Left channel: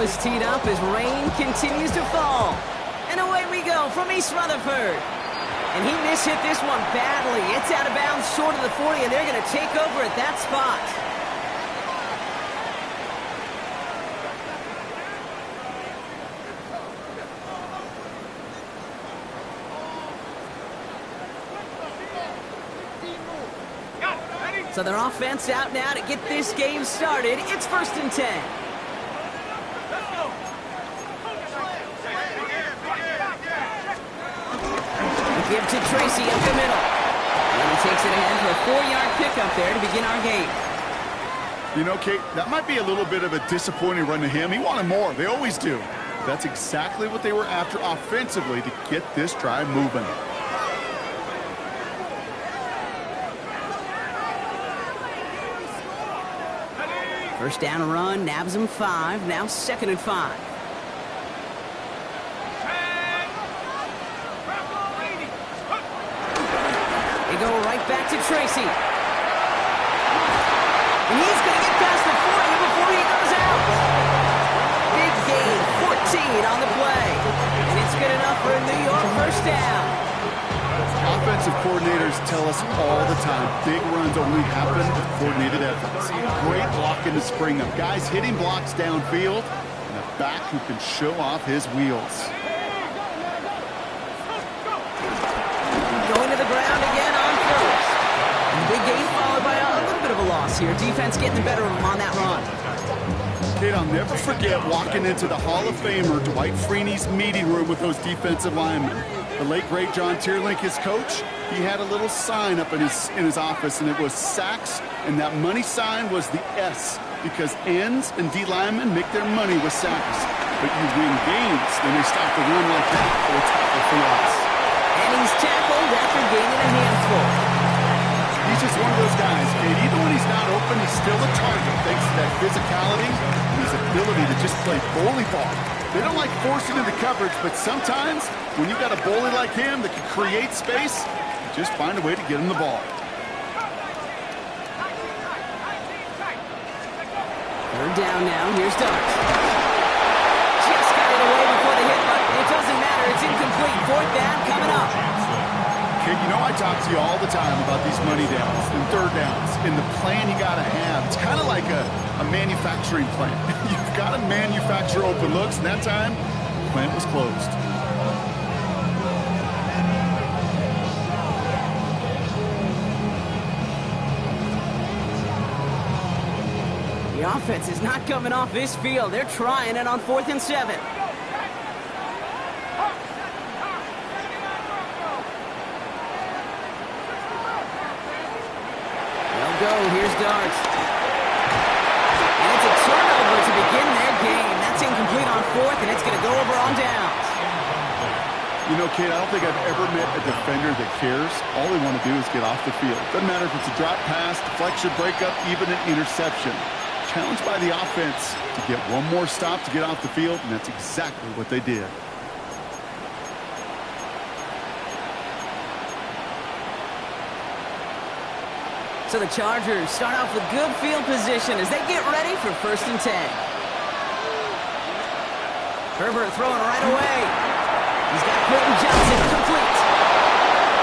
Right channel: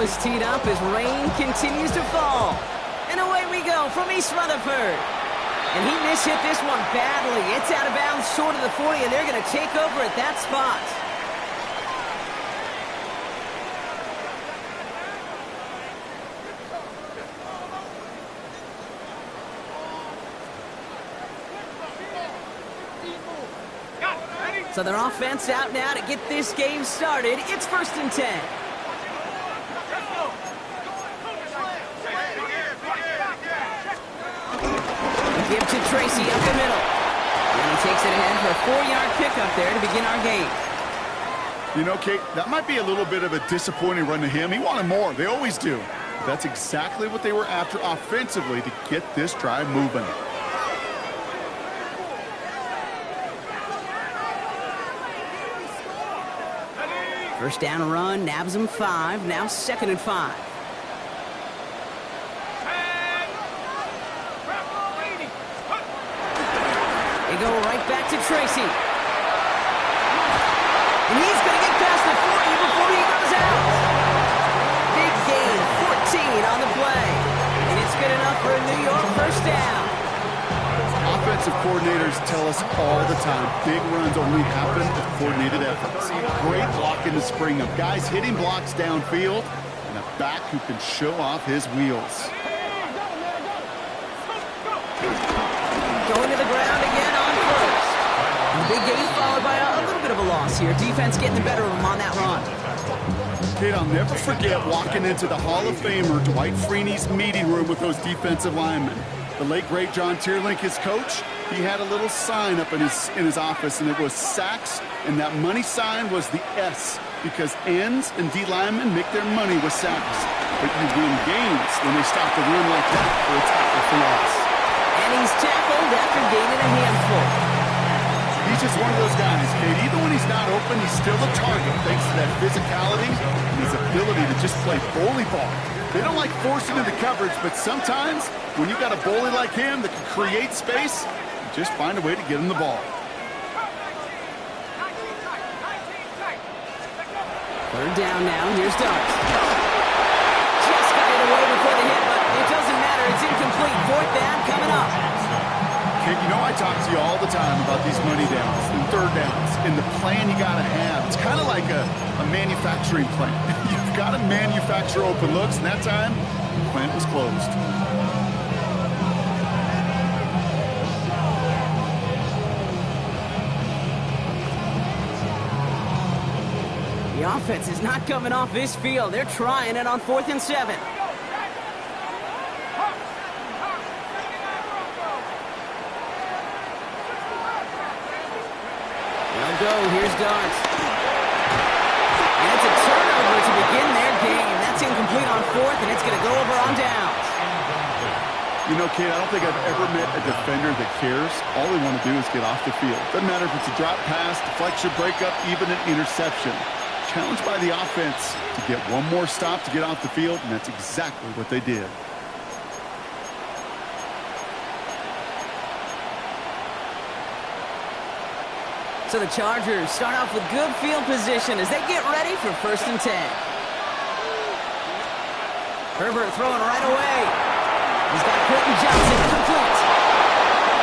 ball is teed up as rain continues to fall. And away we go from East Rutherford. And he mishit this one badly. It's out of bounds short of the 40, and they're going to take over at that spot. So their offense out now to get this game started. It's 1st and 10. Give to Tracy up the middle. And he takes it ahead for a 4-yard pickup there to begin our game. You know, Kate, that might be a little bit of a disappointing run to him. He wanted more. They always do. But that's exactly what they were after offensively to get this drive moving. First down run, nabs him 5. Now 2nd and 5. They go right back to Tracy. And he's going to get past the 40 before he goes out. Big gain, 14 on the play. And it's good enough for a New York first down. Offensive coordinators tell us all the time, big runs only happen with coordinated efforts. Great blocking to spring them. Guys hitting blocks downfield, and a back who can show off his wheels. Going to the ground again on first. And big gain followed by a little bit of a loss here. Defense getting the better of him on that run. Kid, I'll never forget walking into the Hall of Famer Dwight Freeney's meeting room with those defensive linemen. The late, great John Tierlink, his coach, he had a little sign up in his office, and it was sacks, and that money sign was the S, because ends and D linemen make their money with sacks. But you win games when they stop the run like that for a tackle for loss. And he's tackled after gaining a handful. He's just one of those guys, Kate. Even when he's not open, he's still a target thanks to that physicality and his ability to just play bully ball. They don't like forcing into coverage, but sometimes when you got a bully like him that can create space, you just find a way to get him the ball. Third down now. Here's Darts. Just got it away before the hit, but it doesn't matter. It's incomplete. 4th down coming up. Kid, you know I talk to you all the time about these money downs and third downs and the plan you got to have. It's kind of like a manufacturing plant. You've got to manufacture open looks, and that time, the plant was closed. The offense is not coming off this field. They're trying it on 4th and 7. They'll go. Here's Darts. And it's a turnover to begin their game. That's incomplete on 4th, and it's going to go over on downs. You know, Kate, I don't think I've ever met a defender that cares. All they want to do is get off the field. Doesn't matter if it's a drop pass, deflection, breakup, even an interception. Challenged by the offense to get one more stop to get off the field, and that's exactly what they did. So the Chargers start off with good field position as they get ready for 1st and 10. Herbert throwing right away. He's got Quentin Johnson complete.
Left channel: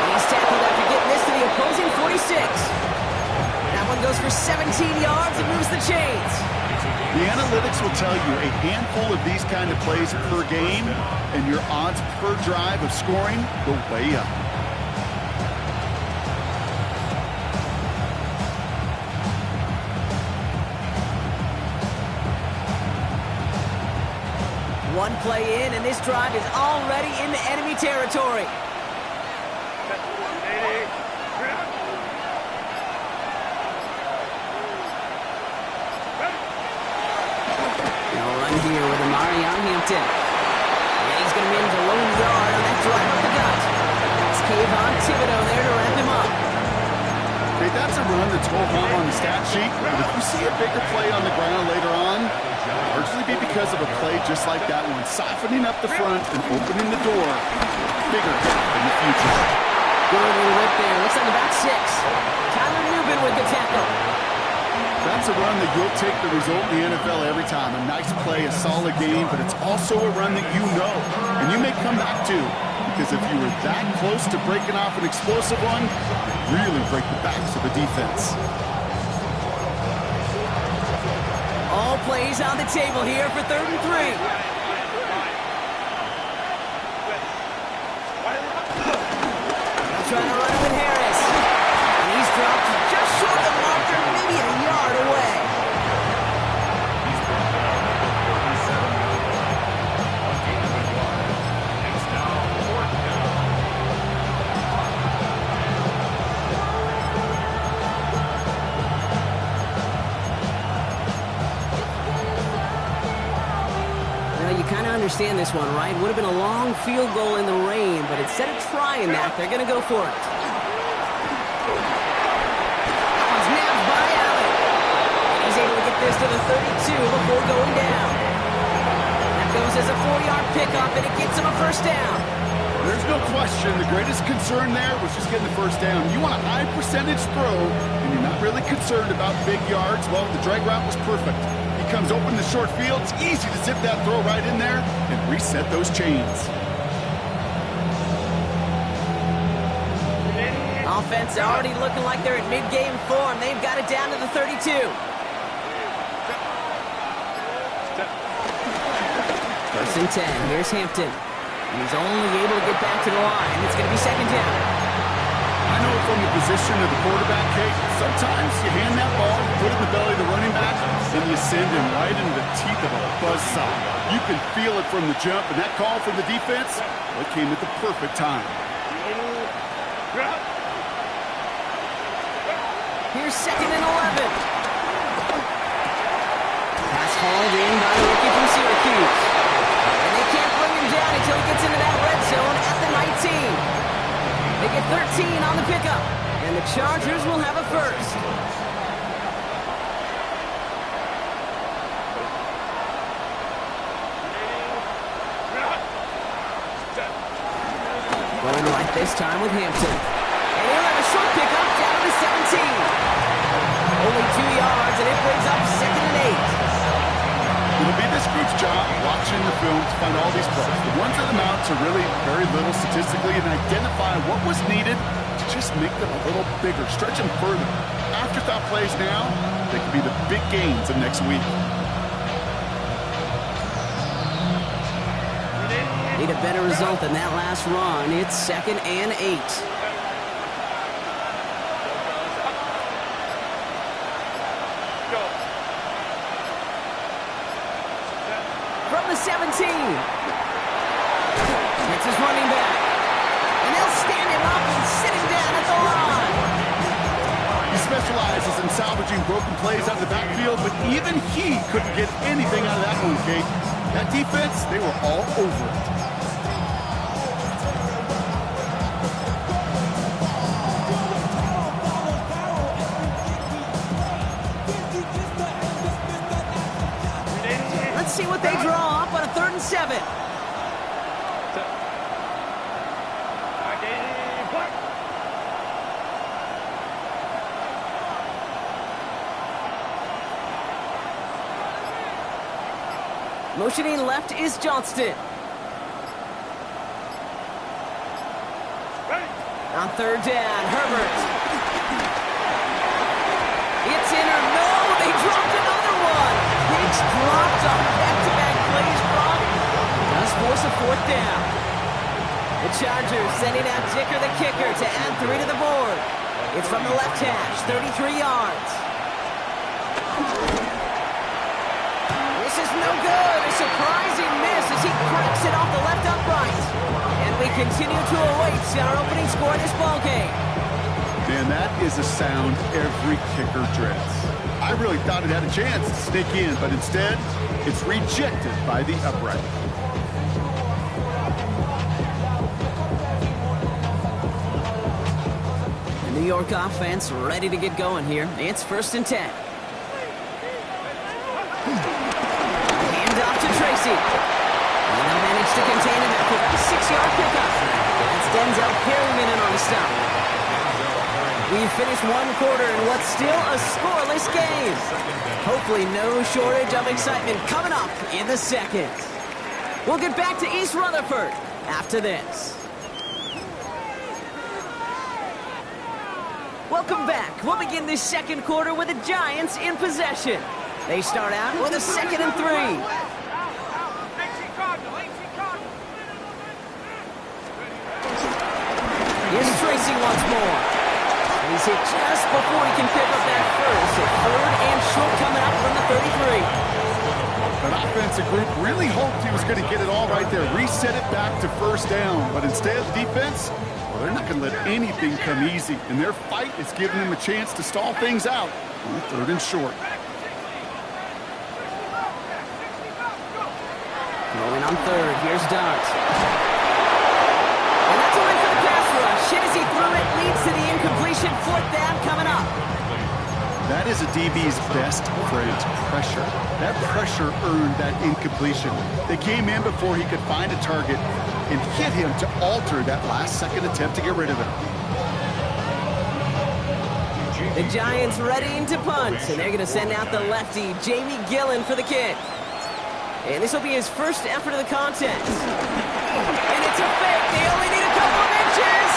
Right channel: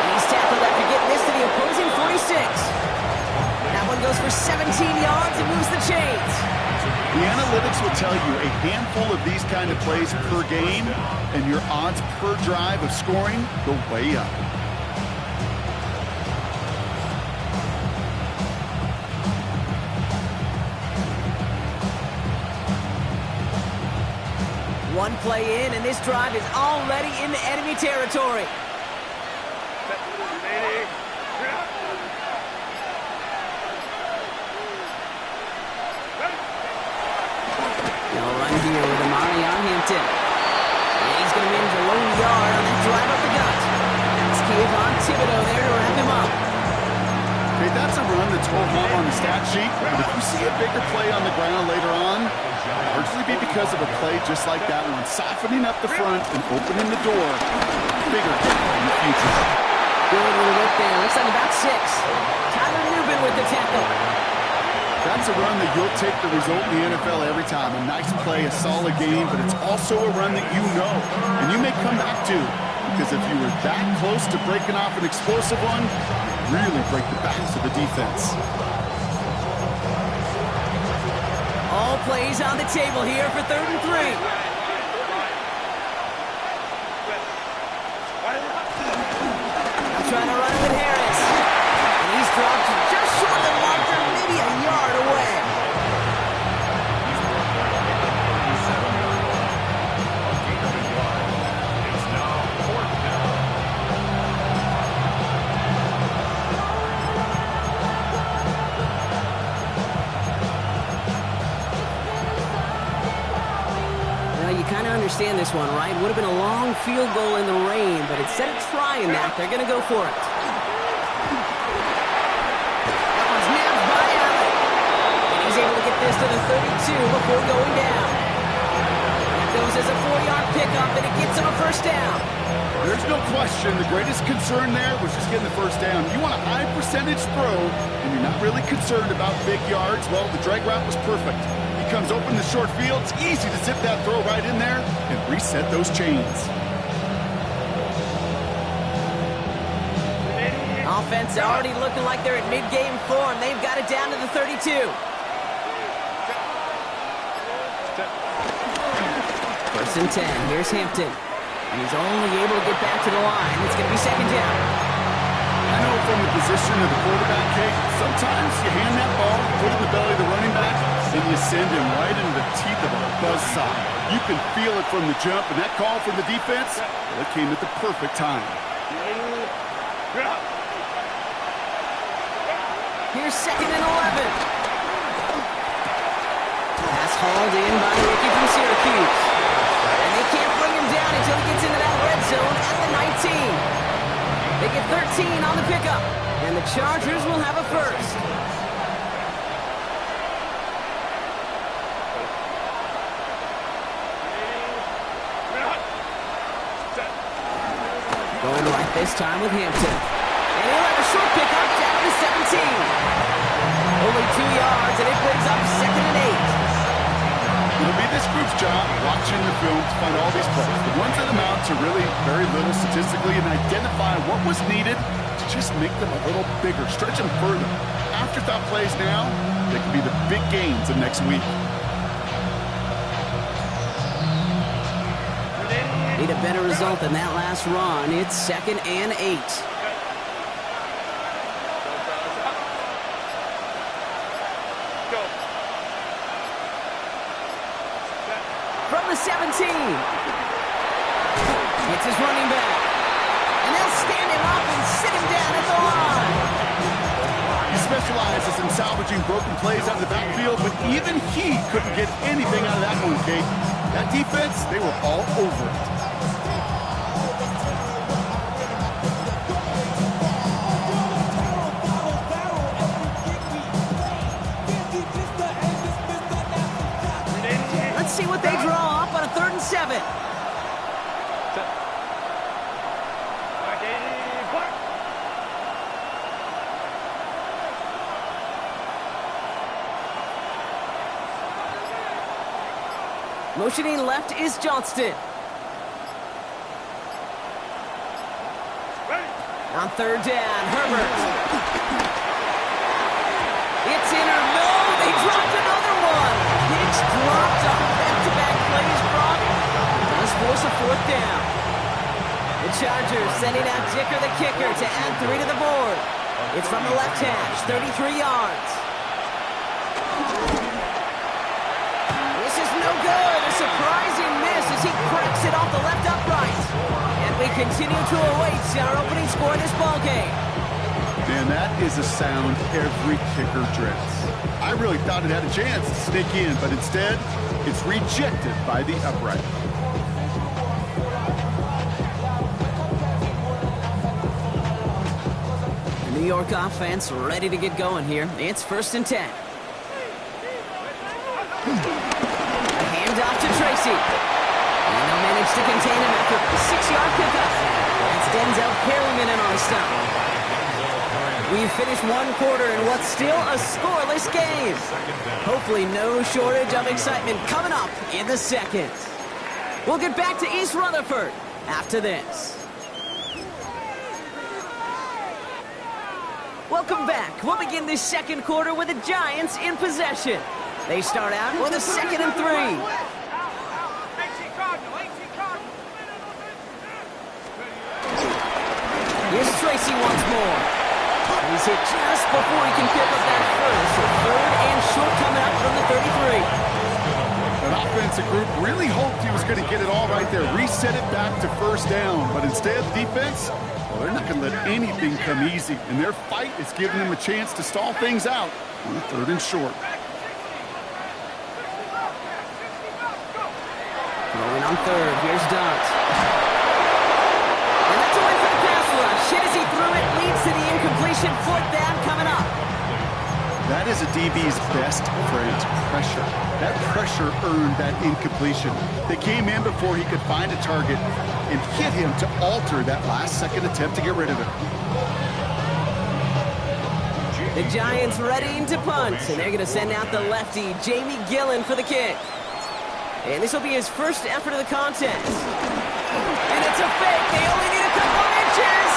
And he's tackled after getting this to the opposing 46. That one goes for 17 yards and moves the chains. The analytics will tell you a handful of these kind of plays per game, and your odds per drive of scoring go way up. One play in, and this drive is already into enemy territory. They'll run here with Amari on Hampton. And he's going to manage a lone yard on that drive up the gut. That's Kayvon Thibodeau there to wrap him up. Okay, that's a run that's ho-hum on the stat sheet, but if you see a bigger play on the ground later on, largely be because of a play just like that one, softening up the front and opening the door, bigger in the future. Good little whip there. Looks like about 6. Tyler Newbin with the tackle. That's a run that you'll take the result in the NFL every time. A nice play, a solid game, but it's also a run that you know, and you may come back to. Because if you were that close to breaking off an explosive one, you really break the backs of the defense. All plays on the table here for 3rd and 3. Now trying to run it with Harris. And he's dropped just short of the marker, maybe a yard away. He's brought down at the 37-yard line. A gain of a yard. It's now 4th down. Well, you kind of understand this one, right? Would have been a long field goal in the rain, but instead of trying that, they're going to go for it. That one's nabbed by Allen. And he's able to get this to the 32 before going down. That goes as a 4-yard pickup, and it gets him a 1st down. There's no question the greatest concern there was just getting the 1st down. You want a high percentage throw, and you're not really concerned about big yards. Well, the drag route was perfect. He comes open in the short field. It's easy to zip that throw right in there and reset those chains. Offense already looking like they're at mid-game form. They've got it down to the 32. 1st and 10. Here's Hampton. He's only able to get back to the line. It's going to be 2nd down. I know from the position of the quarterback, Kate, sometimes you hand that ball, put it in the belly of the running back, and you send him right into the teeth of a buzzsaw. You can feel it from the jump, and that call from the defense, well, it came at the perfect time. Here's 2nd and 11. Pass hauled in by the rookie from Syracuse. And they can't bring him down until he gets into that red zone at the 19. They get 13 on the pickup, and the Chargers will have a 1st. Going right this time with Hampton. And he'll have a short pickup down to the 17. Only 2 yards, and it brings up 2nd and 8. It'll be this group's job watching the film to find all these plays. The ones that amount to really very little statistically and identify what was needed to just make them a little bigger, stretch them further. Afterthought plays now, they could be the big gains of next week. Need a better result than that last run. It's 2nd and 8. From the 17. It's his running back. And they'll stand him up and sit him down at the line. He specializes in salvaging broken plays out of the backfield, but even he couldn't get anything out of that one, Kate. That defense, they were all over it. Let's see what they draw up on a 3rd and 7. Motioning left is Johnston. On 3rd down, Herbert. It's in or no, they dropped another one. Hicks dropped on back-to-back plays. Brock does force a 4th down. The Chargers sending out Dicker the kicker to add 3 to the board. It's from the left hash, 33 yards. This is no good. A surprising miss as he cracks it off the left upright. And we continue to await our opening score in this ballgame. Man, that is a sound every kicker dreads. I really thought it had a chance to sneak in, but instead, it's rejected by the upright. The New York offense ready to get going here. It's 1st and 10. A handoff to Tracy. And they'll manage to contain him after a 6-yard pickup. That's Denzel Perryman in on the stop. We've finished one quarter in what's still a scoreless game. Hopefully no shortage of excitement coming up in the second. We'll get back to East Rutherford after this. Welcome back. We'll begin this second quarter with the Giants in possession. They start out with a 2nd and 3. Here's Tracy once more. He's hit just before he can pick up that first. So 3rd and short coming up from the 33. An offensive group really hoped he was going to get it all right there, reset it back to 1st down. But instead, defense, well, they're not going to let anything come easy. And their fight is giving them a chance to stall things out on the 3rd and short. Going on 3rd. Here's Dart. And that's a win for the pass rush. Hit as he threw it, leads to the incompletion. 4th down coming up. That is a DB's best friend, pressure. That pressure earned that incompletion. They came in before he could find a target and hit him to alter that last-second attempt to get rid of it. The Giants ready to punt, and they're going to send out the lefty, Jamie Gillen, for the kick. And this will be his first effort of the contest. And it's a fake. They only need a couple of inches.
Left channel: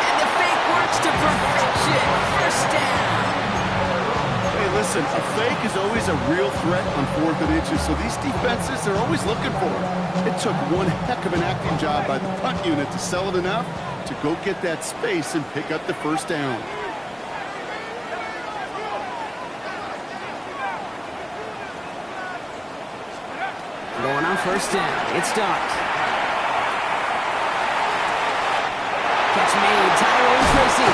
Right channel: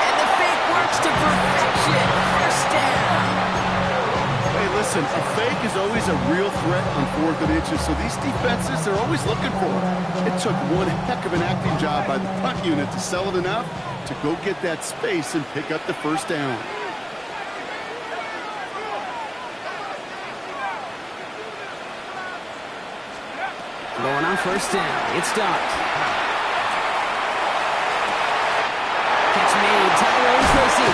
And the fake works to perfection. 1st down. Hey, listen, a fake is always a real threat on 4th and inches, so these defenses, they're always looking for it. It took one heck of an acting job by the punt unit to sell it enough to go get that space and pick up the 1st down. Going on 1st down. It's Dart. Catch made. Tyrone Tracy.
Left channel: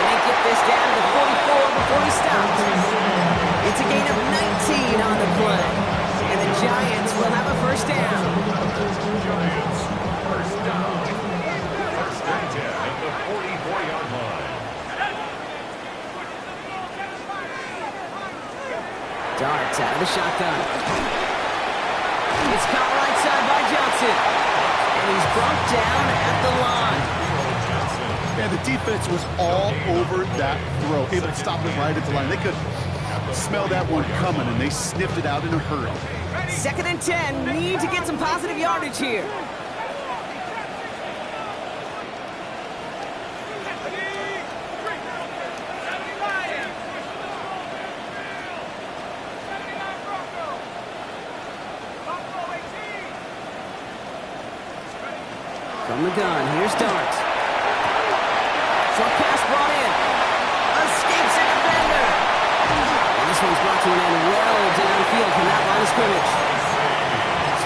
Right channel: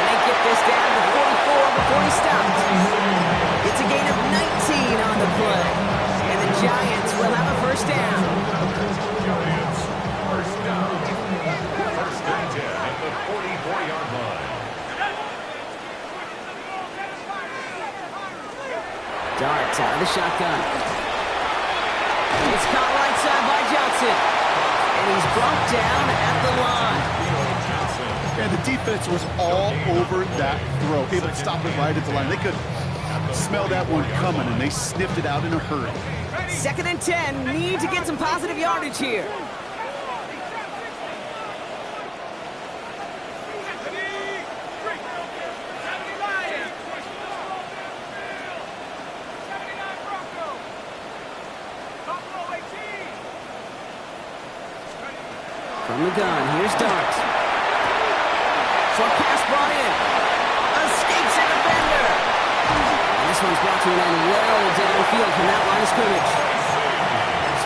And they get this down to the 44 before he stops. It's a gain of 19 on the play. And the Giants will have a 1st down. Giants, 1st down. 1st and 10 at the 44-yard line. Dart out of the shotgun. It's caught right side by Johnson. And he's brought down at the line. And the defense was all over that throw, able to stop it right at the line. They could smell that one coming, and they sniffed it out in a hurry. 2nd and 10. Need to get some positive yardage here. From the gun, here's Dart. Short pass brought in. Escapes a defender. And this one's brought to an end well downfield from that line of scrimmage.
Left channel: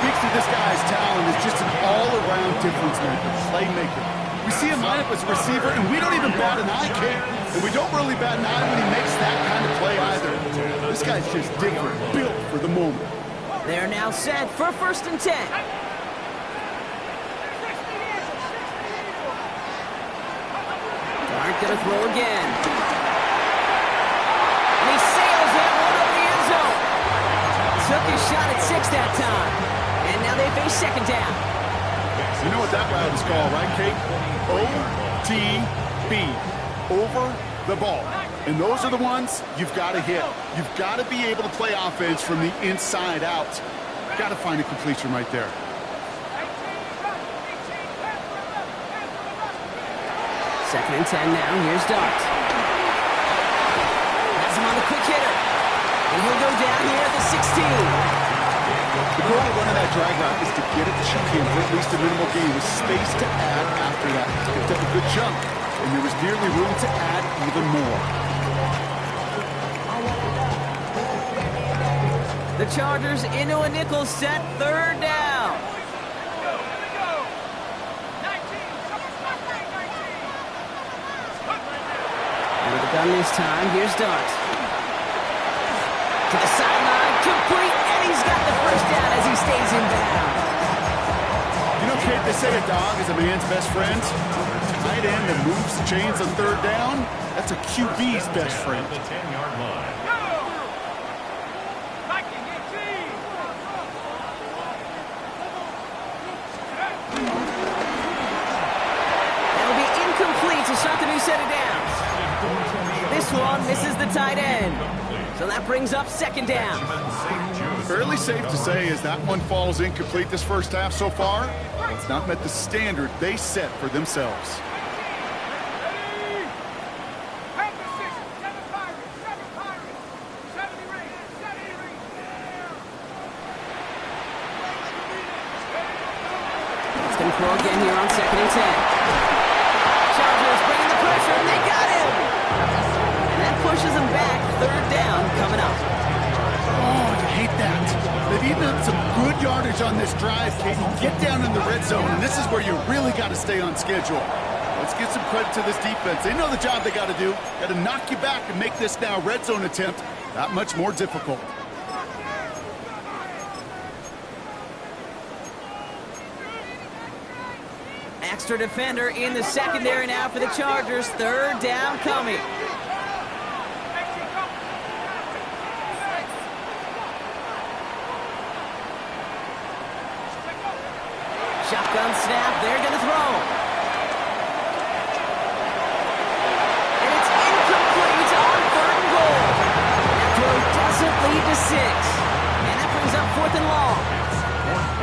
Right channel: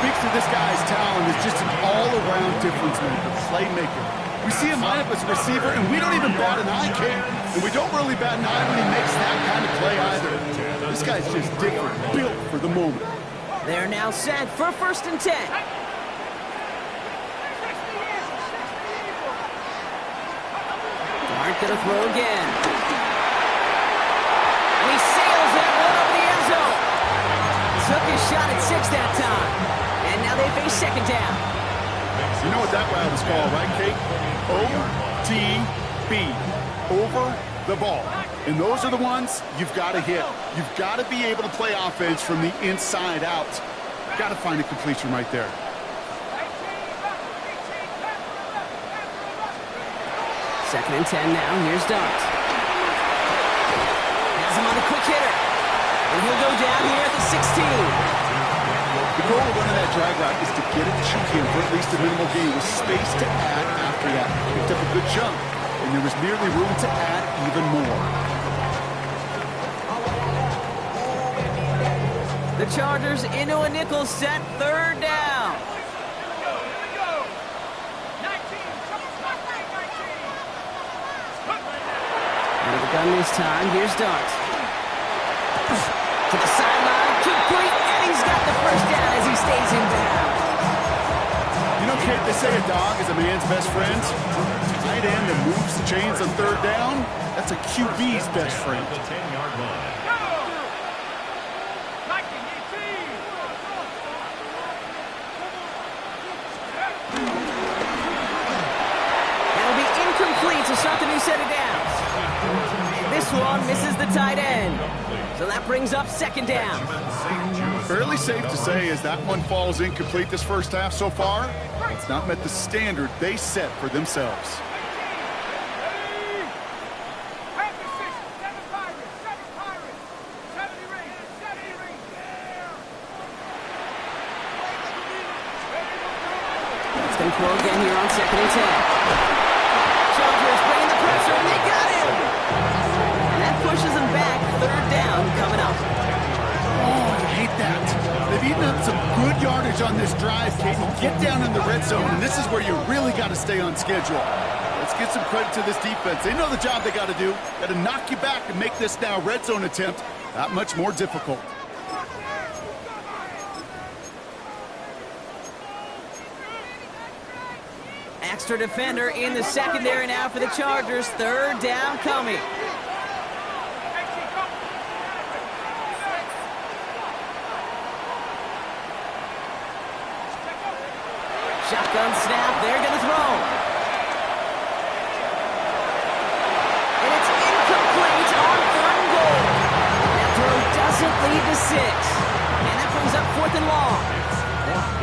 Speaks to this guy's talent as just an all-around difference maker, playmaker. We see him line up as a receiver, and we don't even bat an eye, Kate. And we don't really bat an eye when he makes that kind of play either. This guy's just different, built for the moment. They're now set for 1st and 10. Dart gonna throw again. And he sails that one over the end zone. Took his shot at 6 that time. And now they face 2nd down. You know what that route is called, right, Kate? OTB. Over the ball. And those are the ones you've got to hit. You've got to be able to play offense from the inside out. Got to find a completion right there. Second and 10 now. Here's Dart. Has him on the quick hitter. And he'll go down here at the 16. The goal of running that drag route is to get it to him for at least a minimal gain with space to add after that. Picked up a good chunk, and there was nearly room to add even more. The Chargers into a nickel set, 3rd down. Out of the gun this time, here's Dart. To the sideline, complete, and he's got the 1st down as he stays in bounds. You know, Kate, they say a dog is a man's best friend. Tight end that moves the chains on 3rd down, that's a QB's best friend. The 10-yard line. That'll be incomplete to start the new set of downs. This one misses the tight end. So that brings up second down. Fairly safe to say as that one falls incomplete this first half so far, it's not met the standard they set for themselves. It's going to throw again here on 2nd and 10. Chargers bringing the pressure, and they got him! And that pushes them back. 3rd down coming up. Oh, you hate that. They've eaten up some good yardage on this drive, Caden. Get down in the red zone, and this is where you really got to stay on schedule. Let's give some credit to this defense. They know the job they got to do. Got to knock you back and make this now red zone attempt that much more difficult. Extra defender in the secondary now for the Chargers. 3rd down coming. Shotgun snap, they're going to throw. And it's incomplete on 3rd and goal. That throw doesn't lead to 6. And that brings up 4th and long.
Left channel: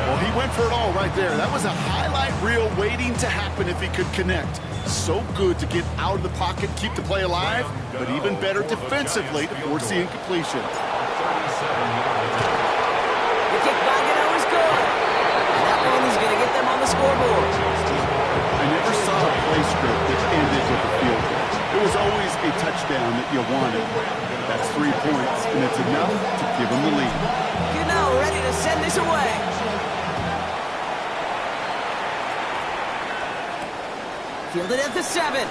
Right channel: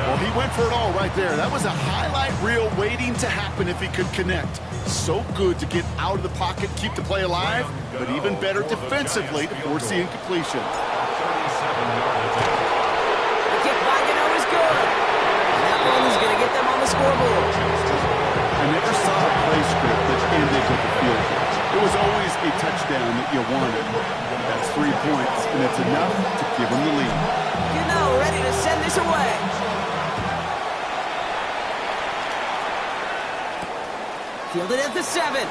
Well, he went for it all right there. That was a highlight reel waiting to happen if he could connect. So good to get out of the pocket, keep the play alive, but even better defensively to force the incompletion. The kick by Gano is good. And that one is going to get them on the scoreboard. I never saw a play script that ended with a field goal. It was always a touchdown that you wanted. That's 3 points, and it's enough to give them the lead. Gano ready to send this away. Fielded at the 7.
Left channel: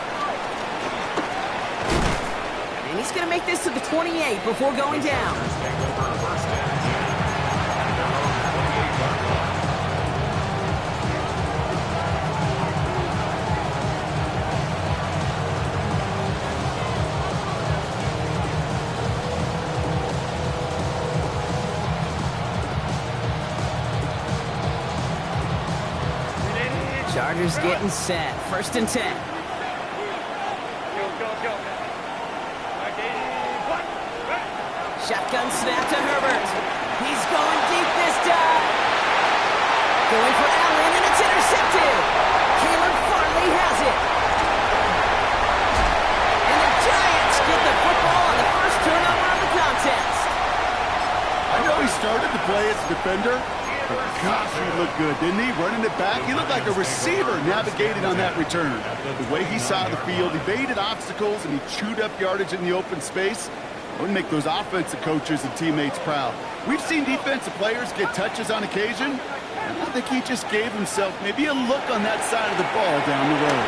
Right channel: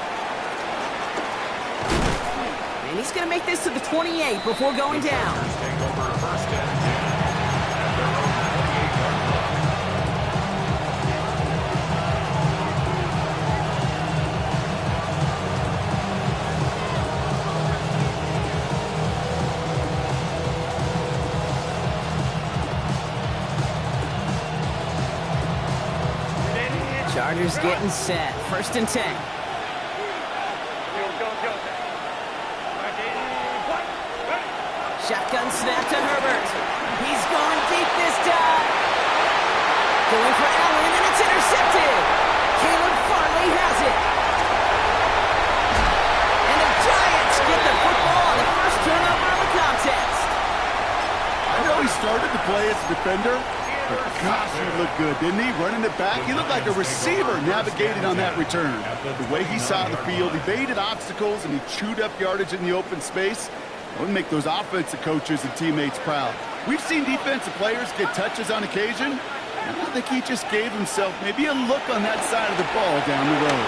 And he's going to make this to the 28 before going down. Take over 1st and 10 at their own 28-yard line. Chargers getting set. 1st and 10. Shotgun snap to Herbert. He's going deep this time. Going for Allen, and it's intercepted. Caleb Farley has it. And the Giants get the football on the first turnover of the contest. I know he started to play as a defender, but gosh, he looked good, didn't he? Running it back, he looked like a receiver navigating on that return. The way he saw the field, he evaded obstacles, and he chewed up yardage in the open space. It would make those offensive coaches and teammates proud. We've seen defensive players get touches on occasion, and I think he just gave himself maybe a look on that side of the ball down the road.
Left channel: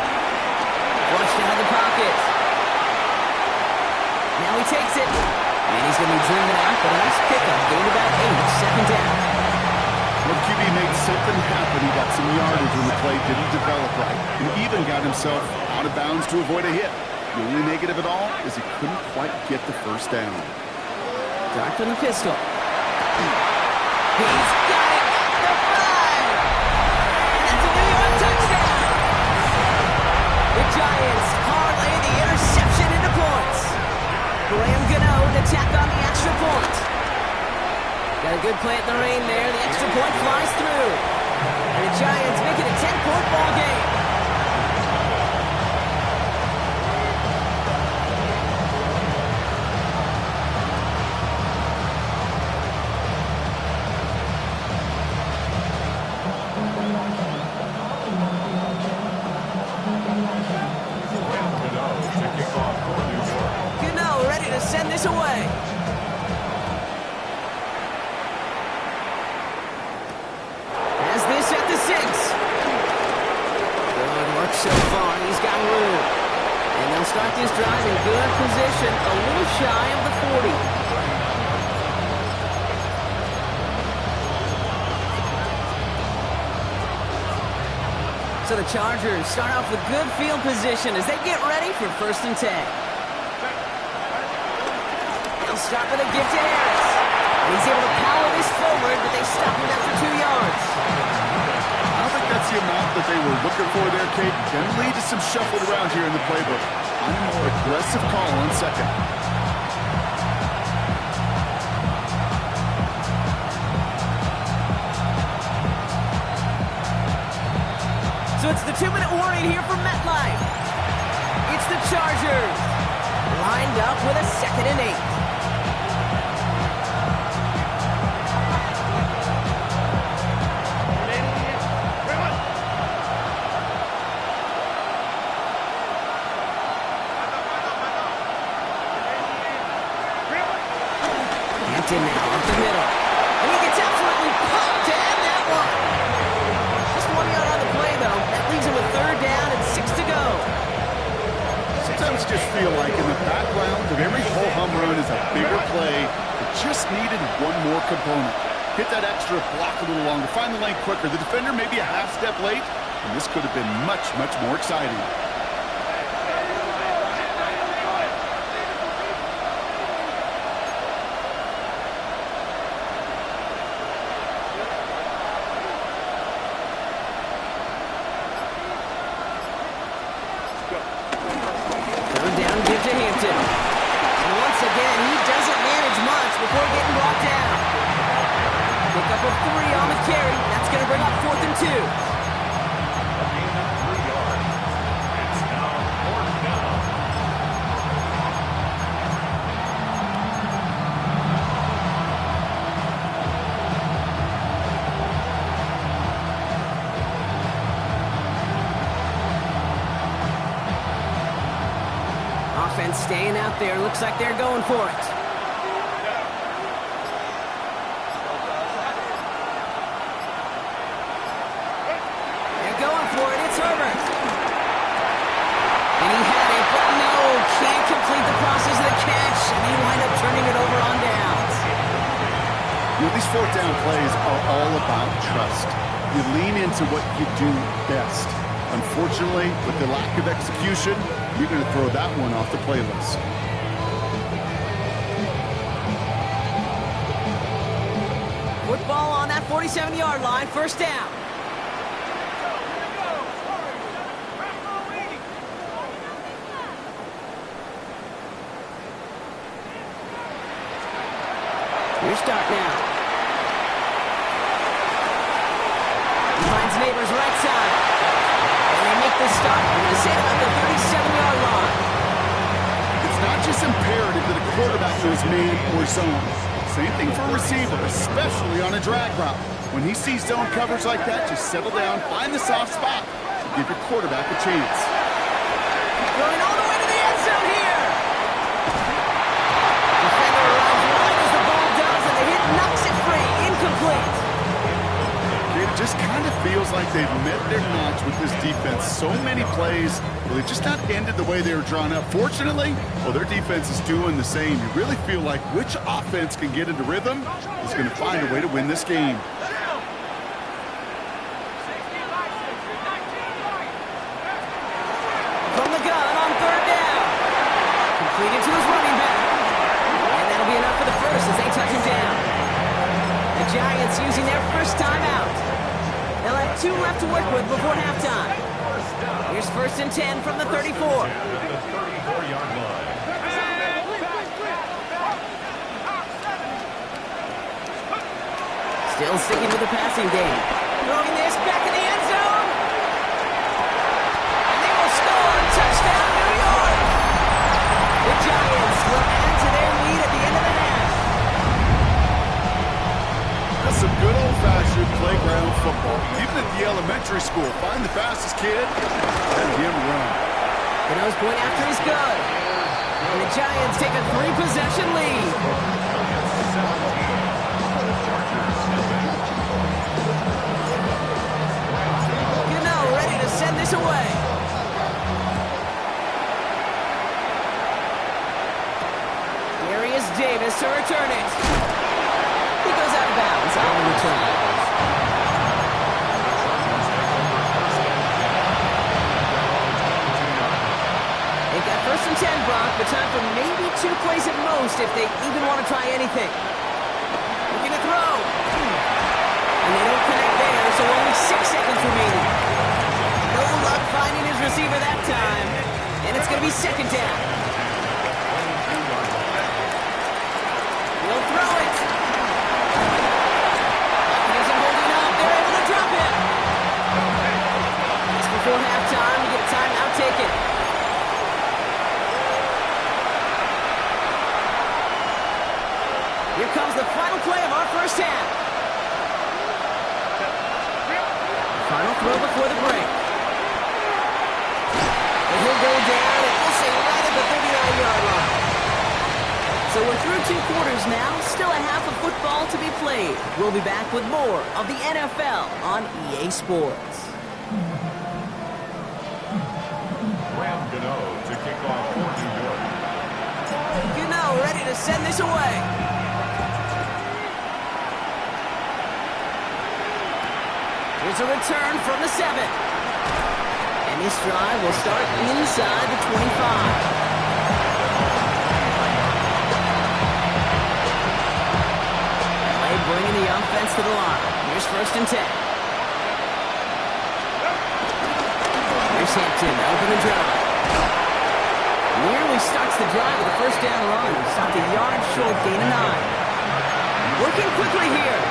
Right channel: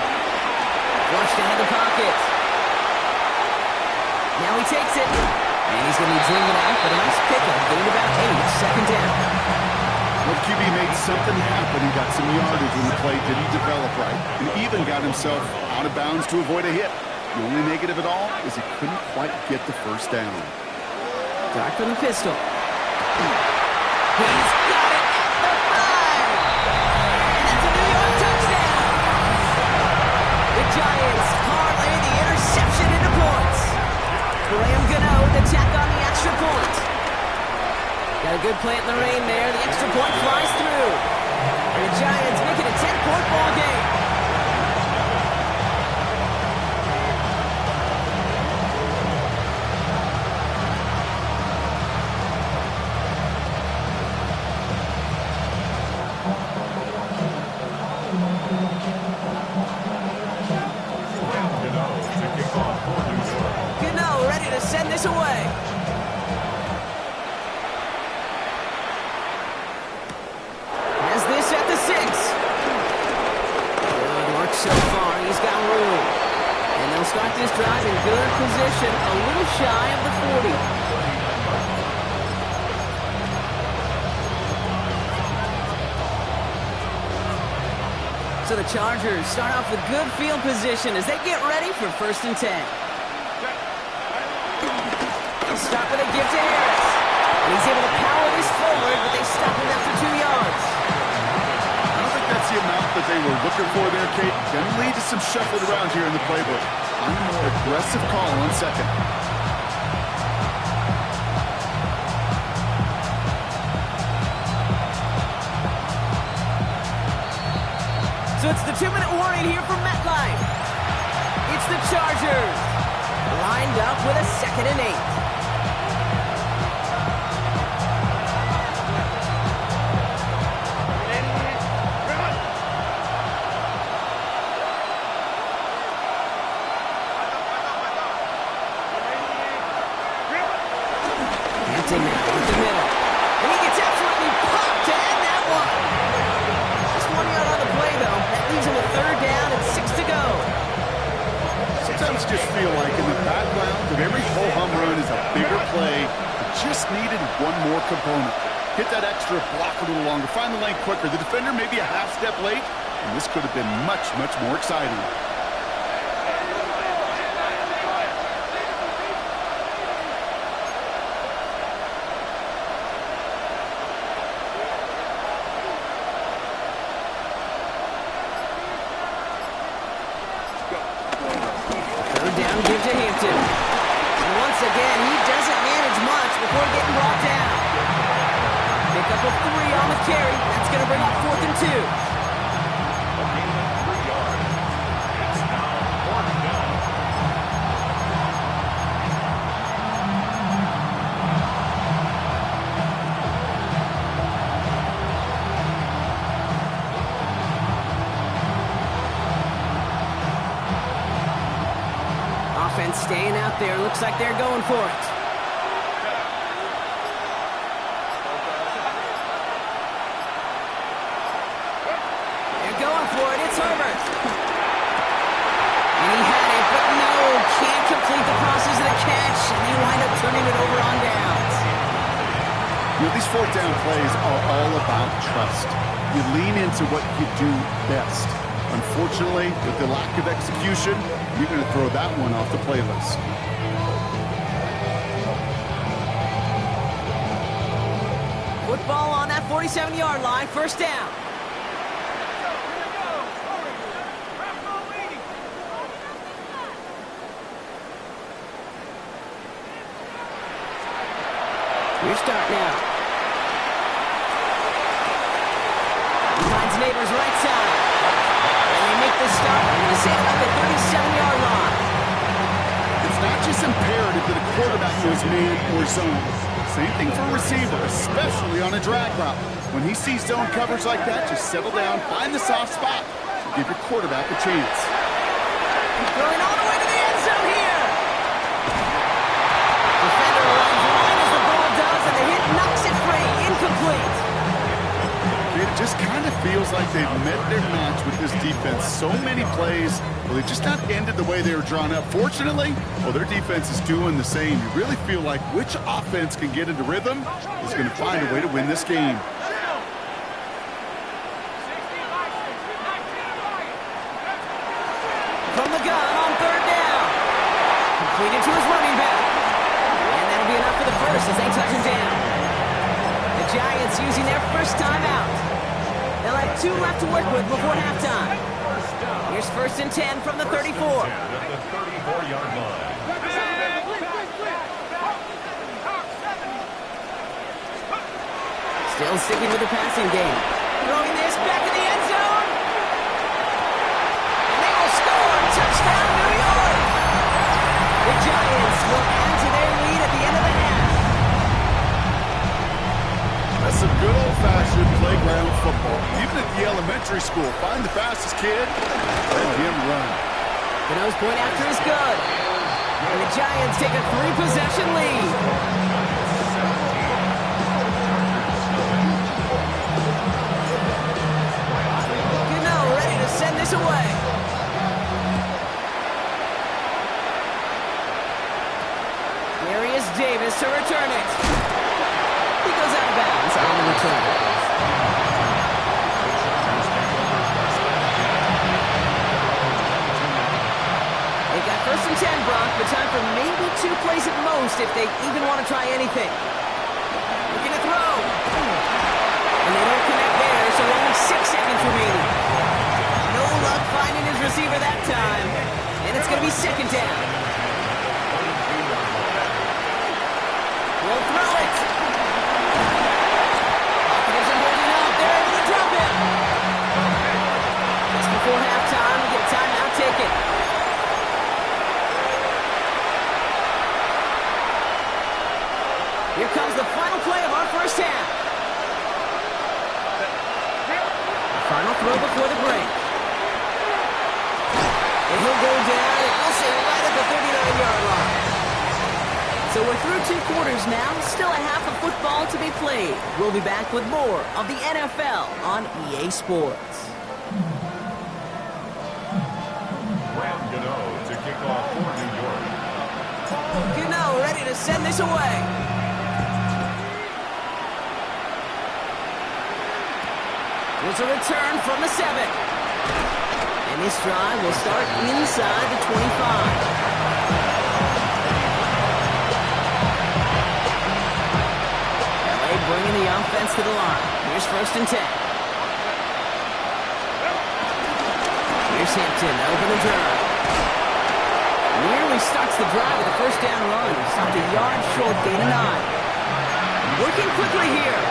Flushed out of the pocket. Now he takes it. And he's going to be dreaming out, but a nice pickup. Gained about 8, 2nd down. Well, QB made something happen. He got some yardage when the play didn't develop right, and even got himself out of bounds to avoid a hit. The only negative at all is he couldn't quite get the 1st down. Dark from the pistol. He's got it at the 5. And that's a New York touchdown. The Giants parlay the interception into points. Graham Gano to tack on the extra point. Got a good play in the rain there. The extra point flies through. And the Giants make it a 10-point ball game. Gano ready to send this away. Has this at the 6. Good work so far. He's got room. And they'll start this drive in good position, a little shy of the 40. So the Chargers start off with good field position as they get ready for 1st and 10. They'll start with a give to Harris. And he's able to power this forward, but they stop him after 2 yards. I don't think that's That's the amount that they were looking for there, Kate. Going to lead to some shuffling around here in the playbook. On a more aggressive call on second. So it's the 2-minute warning here from MetLife. It's the Chargers, lined up with a 2nd and 8. Hampton now up the middle, and he gets absolutely popped to end that one. Just 1 yard on the play, though. That leaves him with 3rd down and 6 to go. Sometimes you just feel like in the background of every ho-hum run is a bigger play that just needed one more component. Hit that extra block a little longer, find the lane quicker. The defender may be a half step late, and this could have been much, much more exciting. And once again, he doesn't manage much before getting brought down. Pickup of 3 on the carry. That's going to bring up 4th and 2. A gain of 3 yards. It's now 4th down. Offense staying out there. Looks like they're going for it. They're going for it. It's Herbert. And he had it, but no, can't complete the process of the catch, and they wind up turning it over on downs. You know, these 4th down plays are all about trust. You lean into what you do best. Unfortunately, with the lack of execution, you're going to throw that one off the playlist. Football on that 47-yard line, 1st down. Your start now. He finds Neighbors right side. And they make the stop. They're going to say it about the 37-yard line. It's not just imperative that a quarterback knows man or zone. Same thing for a receiver, especially on a drag route. When he sees zone coverage like that, just settle down, find the soft spot, and give your quarterback a chance. Throwing all the way to the end zone here. Defender arrives right as the ball does, and the hit knocks it free. Incomplete. It just kind of feels like they've met their match with this defense. So many plays, well, they just not ended the way they were drawn up. Fortunately, well, their defense is doing the same. You really feel like which offense can get into rhythm is going to find a way to win this game. From the gun on 3rd down. Completed to his running back. And that'll be enough for the first as they touch him down. The Giants using their first timeout. They'll have 2 left to work with before halftime. Here's 1st and 10 from the 34. At the 34-yard line. Still sticking with the passing game. Throwing this back in the end zone. And they will score. Touchdown, New York. The Giants will add to their lead at the end of the half. That's some good old-fashioned playground football. Even at the elementary school, find the fastest kid, let him run. Cano's point after is good. And the Giants take a 3-possession lead. Cano ready to send this away. Darius Davis to return it. He goes out of bounds on the return. They've got 1st and 10, Brock, but time for maybe 2 plays at most if they even want to try anything. Looking to throw. And they don't connect there, so only 6 seconds remaining. No luck finding his receiver that time. And it's going to be second down. He'll throw it. Offense holding up. They're able to drop him. Just before halftime, we get a timeout taken. Here comes the final play of our first half. Final throw before the break. And he'll go down, and we'll say right at the 39-yard line. So we're through 2 quarters now. Still a half of football to be played. We'll be back with more of the NFL on EA Sports. Graham Gano to kick off for New York. Gano ready to send this away. Here's a return from the 7. And this drive will start inside the 25. LA bringing the offense to the line. Here's 1st and 10. Here's Hampton to open the drive. Nearly starts the drive with a 1st down run. Stopped a yard short, gain of 9. Working quickly here.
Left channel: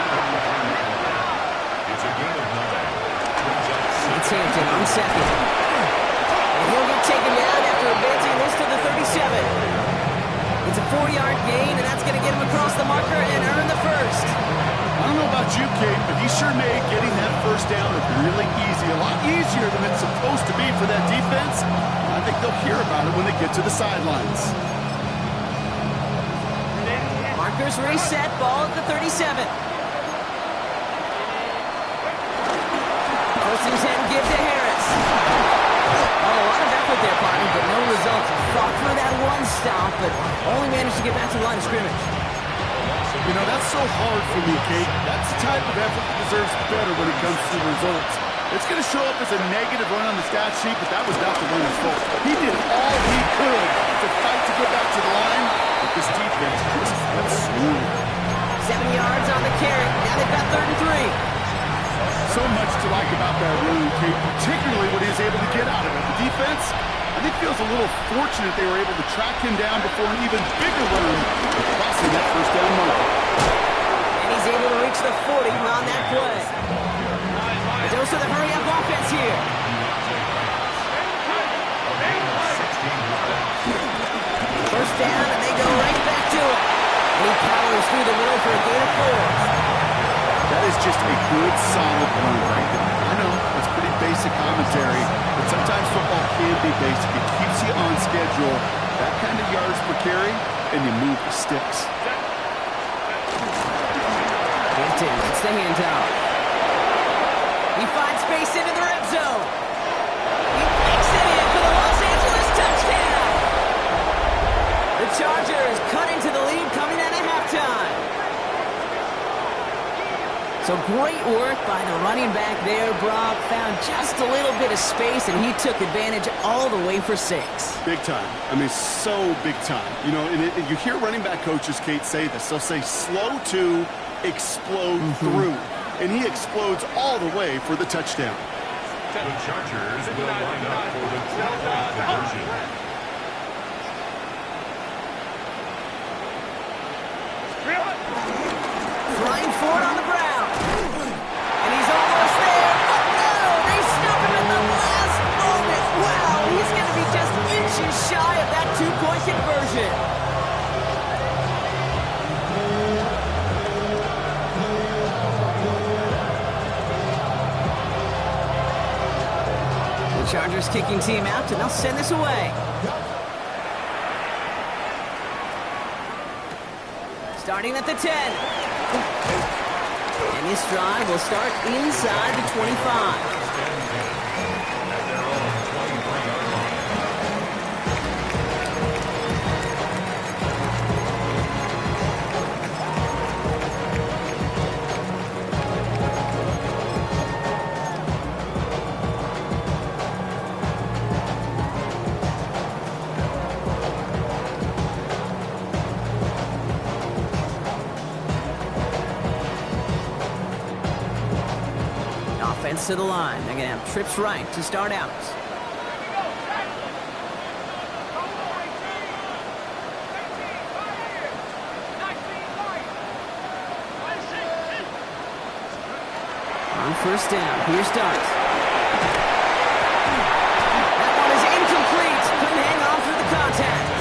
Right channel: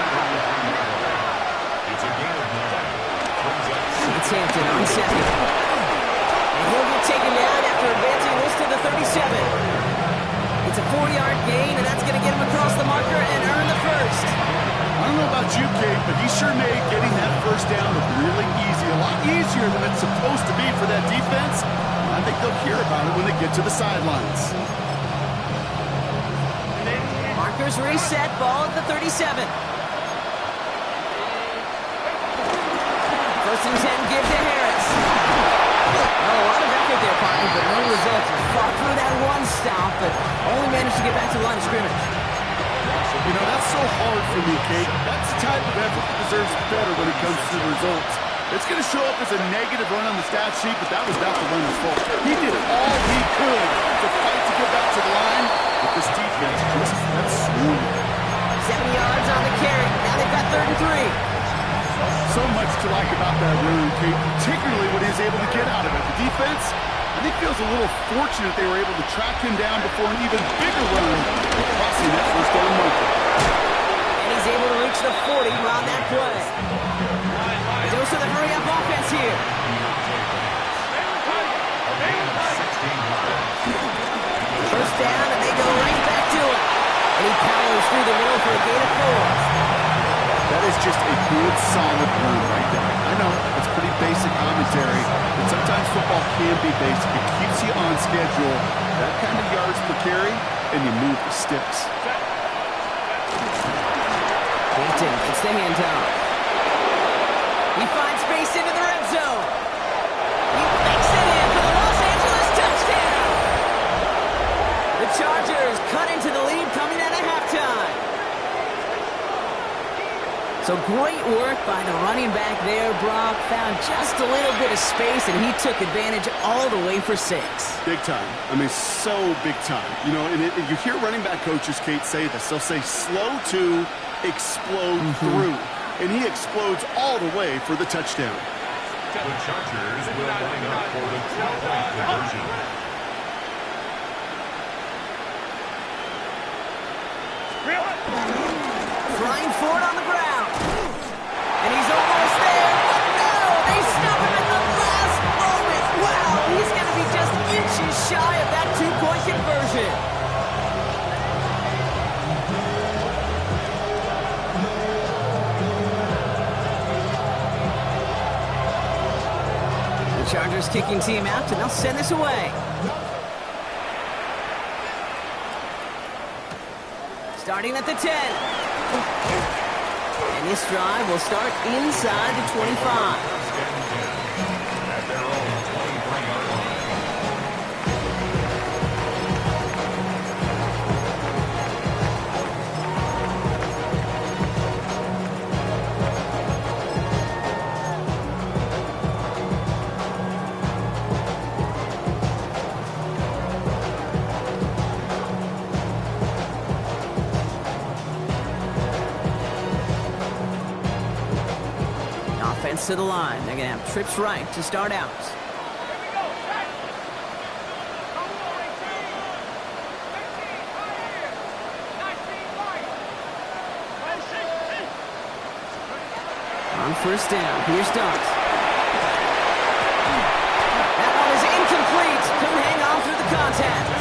It's a gain of 9. It's Hampton on 2nd. And he'll get taken down after advancing this to the 37. It's a 4-yard gain, and that's going to get him across the marker and earn the 1st. I don't know about you, Kate, but he sure made getting that 1st down look really easy. A lot easier than it's supposed to be for that defense. I think they'll hear about it when they get to the sidelines. Markers reset, ball at the 37. 1st and 10, give to Harris. Well, a lot of effort there, partner, but no results. He fought through that one stop, but only managed to get back to the line of scrimmage. You know, that's so hard for me, Kate. That's the type of effort that deserves better when it comes to the results. It's going to show up as a negative run on the stat sheet, but that was not the runner's fault. He did all he could to fight to get back to the line, but this defense just kept swinging. 7 yards on the carry. Now they've got 3rd and 3. So much to like about that run, Kate, particularly what he was able to get out of it. The defense, I think, feels a little fortunate they were able to track him down before an even bigger run, crossing that 1st down marker. And he's able to reach the 40 on that play. A dose of the hurry-up offense here. 1st down, and they go right back to it. And he powers through the middle for a gain of 4. That is just a good, solid run right there. I know, it's pretty basic commentary, but sometimes football can be basic. It keeps you on schedule, that kind of yards per carry, and you move the sticks. Hampton gets the handoff. He finds space into the red zone. He makes it in for the Los Angeles touchdown. The Chargers cut into the lead coming out of halftime. So great work by the running back there, Brock. Found just a little bit of space, and he took advantage all the way for 6. Big time. I mean, so big time. You know, and you hear running back coaches, Kate, say this. They'll say slow to explode through. And he explodes all the way for the touchdown. The Chargers will line up for the 2-point conversion. Trying for it on the ground. And he's almost there. But no, they stop him at the last moment. Wow, he's going to be just inches shy of that 2-point conversion. The Chargers kicking team out, and they'll send this away. Starting at the 10. And this drive will start inside the 25. At their own 23-yard line. Defense to the line. They're going to have trips right to start out. On first down, here's Dart. That one is incomplete. Couldn't hang on through the contact.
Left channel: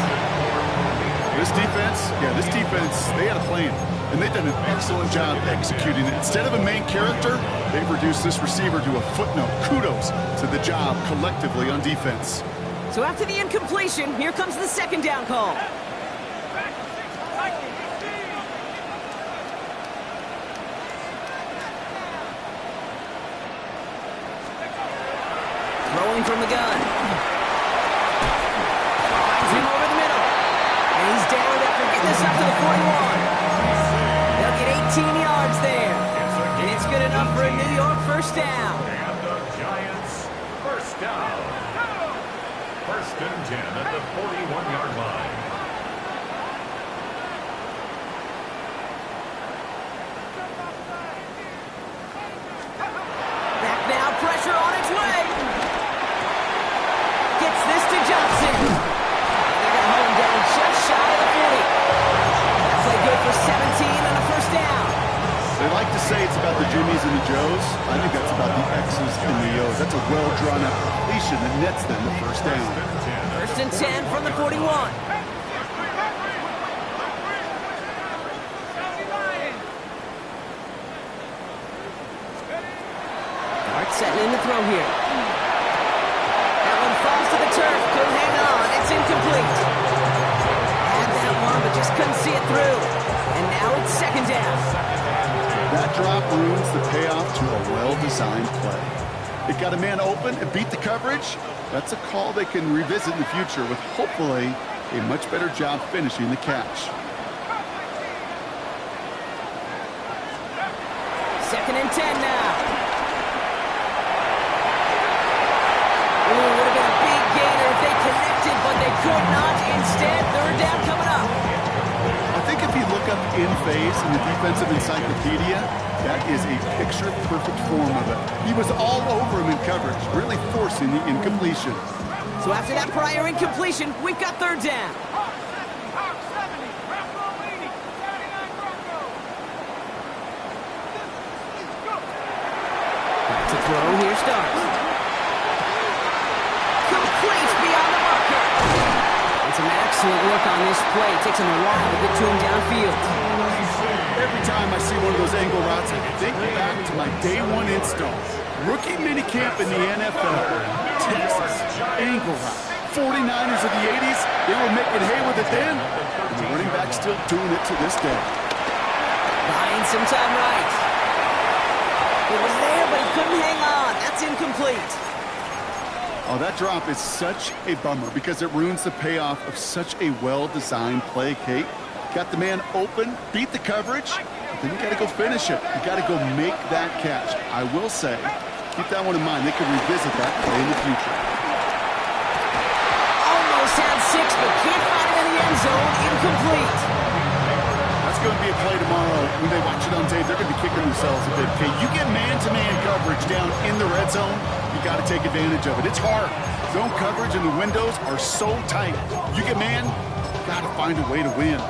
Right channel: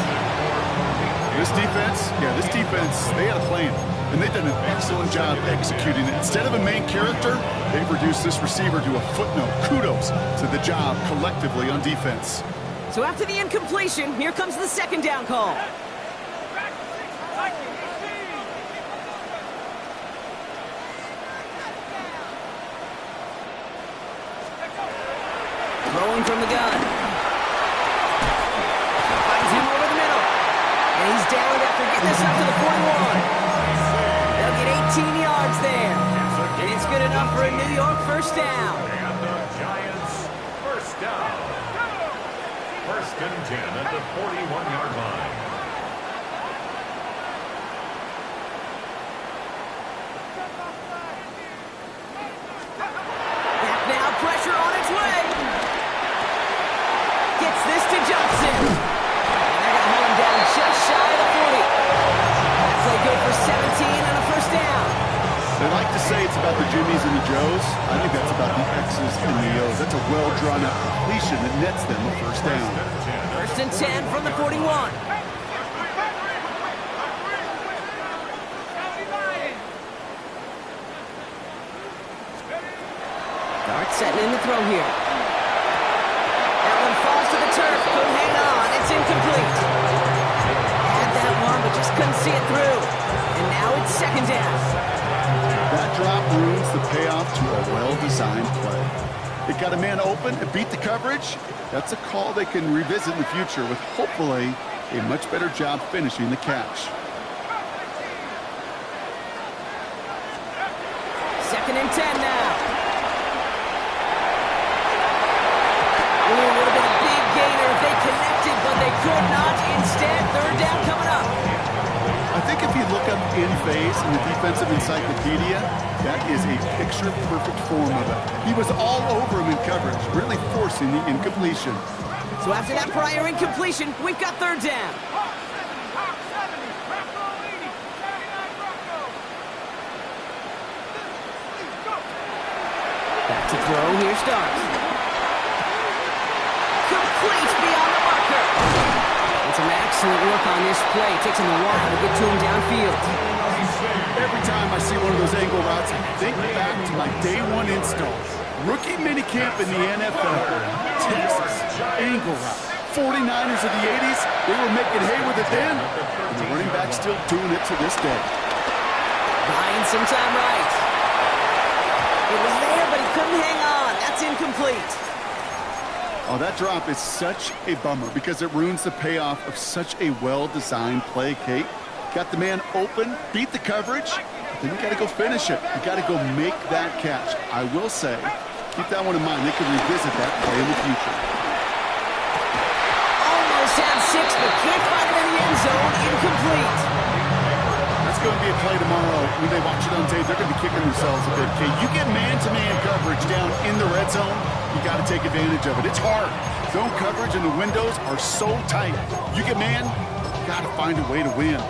This defense, they had a plan, and they've done an excellent job executing it. Instead of a main character, they've reduced this receiver to a footnote. Kudos to the job collectively on defense. So after the incompletion, here comes the second down call. Throwing from the gun. Finds him over the middle. And he's down after getting this up to the 41. They'll get 18 yards there. And it's good enough for a New York first down. And the Giants first down. First and 10 at the 41-yard line. Back now, pressure on its way. Gets this to Johnson. And they're going to hold him down just shy of the 40. That play good for 17 and a first down. They like to say it's about the Jimmies and the Joes. I think that's about the X's and the O's. That's a well-drawn-out completion that nets them a first down. First and 10 from the 41. Dart setting in the throw here. That one falls to the turf. Couldn't hang on. It's incomplete. Had that one, but just couldn't see it through. And now it's second down. That drop ruins the payoff to a well-designed play. It got a man open and beat the coverage. That's a call they can revisit in the future with hopefully a much better job finishing the catch. Second and 10 now. Ooh, would have been a big gainer if they connected, but they could not. Instead, third down coming up. I think if you look up in phase in the defensive encyclopedia, that is a picture-perfect form of it. He was all over him in coverage, really forcing the incompletion. So after that prior incompletion, we've got third down. Back to throw, here starts. Complete beyond the marker. And some excellent work on this play. Takes him a while to get to him downfield. Every time I see one of those angle routes, I think back to my day one install. Rookie minicamp in the NFL. Texas, angle route. 49ers of the 80s, they were making hay with it then. And the running back's still doing it to this day. Buying some time right. It was there, but he couldn't hang on. That's incomplete. Oh, that drop is such a bummer because it ruins the payoff of such a well-designed play, Kate. Got the man open, beat the coverage, but then you got to go finish it. You got to go make that catch. I will say, keep that one in mind. They could revisit that play in the future. Almost had 6, but can't find him in the end zone. Incomplete. That's going to be a play tomorrow. When they watch it on tape, they're going to be kicking themselves a bit. Okay, you get man-to-man coverage down in the red zone, you got to take advantage of it. It's hard. Zone coverage and the windows are so tight. You get man, you got to find a way to win.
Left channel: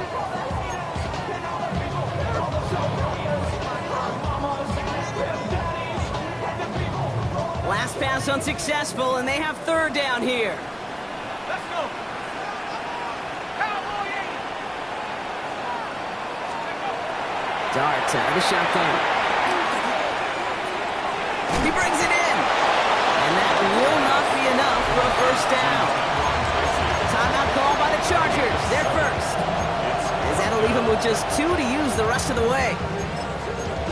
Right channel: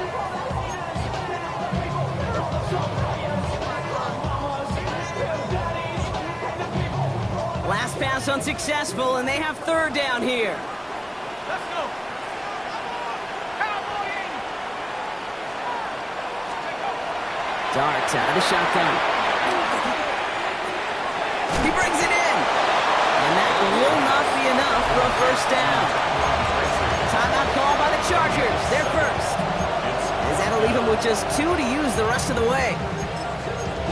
Last pass unsuccessful, and they have third down here. Let's go. Dart out of the shotgun. He brings it in. And that will not be enough for a first down. Timeout call by the Chargers. They're first. As that'll leave them with just 2 to use the rest of the way.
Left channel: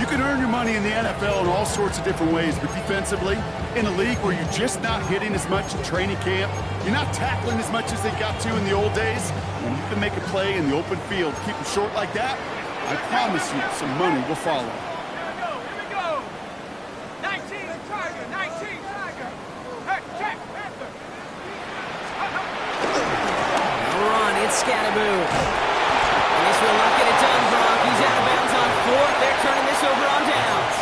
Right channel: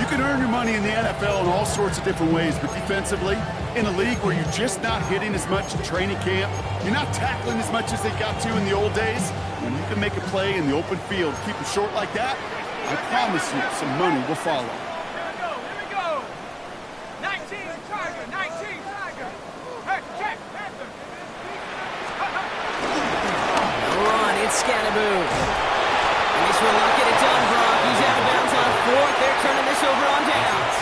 You can earn your money in the NFL in all sorts of different ways, but defensively, in a league where you're just not hitting as much in training camp, you're not tackling as much as they got to in the old days, when you can make a play in the open field, keep them short like that, I promise you some money will follow. Here we go. 19 Tiger, 19 Tiger. Hey, check, Panther. No run, it's Scatterboo. And this will not get it done, Brock. He's out of bounds on 4th. They're turning this over on downs.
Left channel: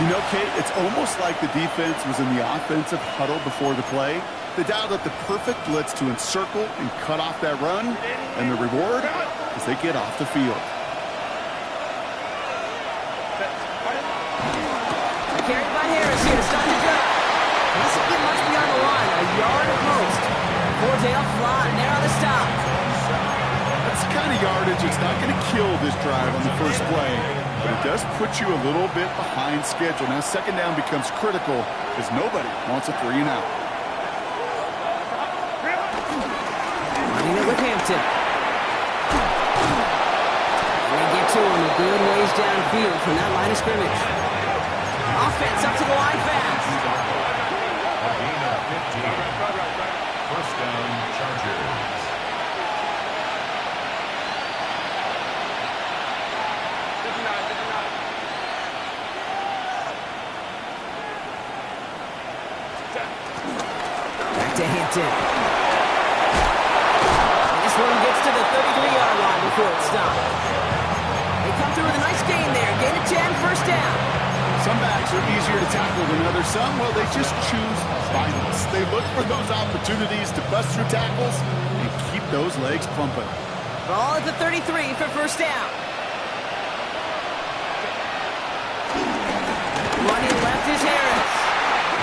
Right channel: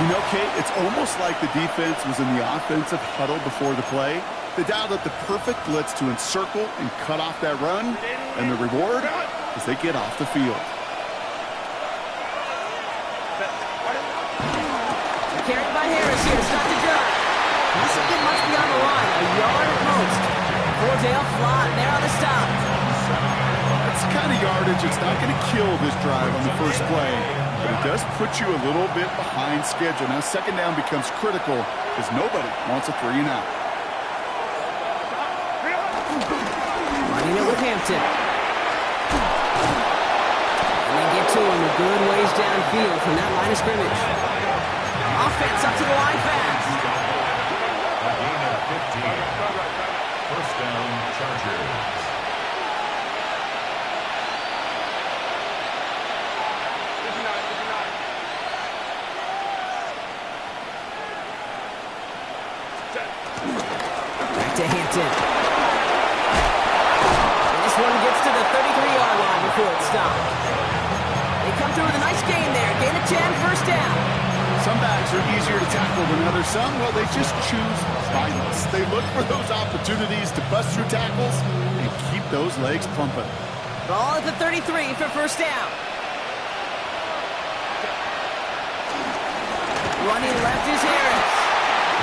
You know, Kate, it's almost like the defense was in the offensive huddle before the play. They dialed up the perfect blitz to encircle and cut off that run, and the reward is they get off the field. Carried by Harris here to start the drive. Doesn't get much beyond the line, a yard at most. Fordale flying there on the stop. That's the kind of yardage it's not going to kill this drive on the first play, but it does put you a little bit behind schedule. Now second down becomes critical because nobody wants a 3 and out. Running it with Hampton. And they get to him a good ways downfield from that line of scrimmage. Offense up to the line fast. A gain of 15. First down, Chargers. Back to Hampton. And this one gets to the 33-yard line before it stopped. They come through with a nice gain there. Gain of 10, first down. Some backs are easier to tackle than others. Some, well, they just choose violence. They look for those opportunities to bust through tackles and keep those legs pumping. Ball at the 33 for first down. Running left is Harris.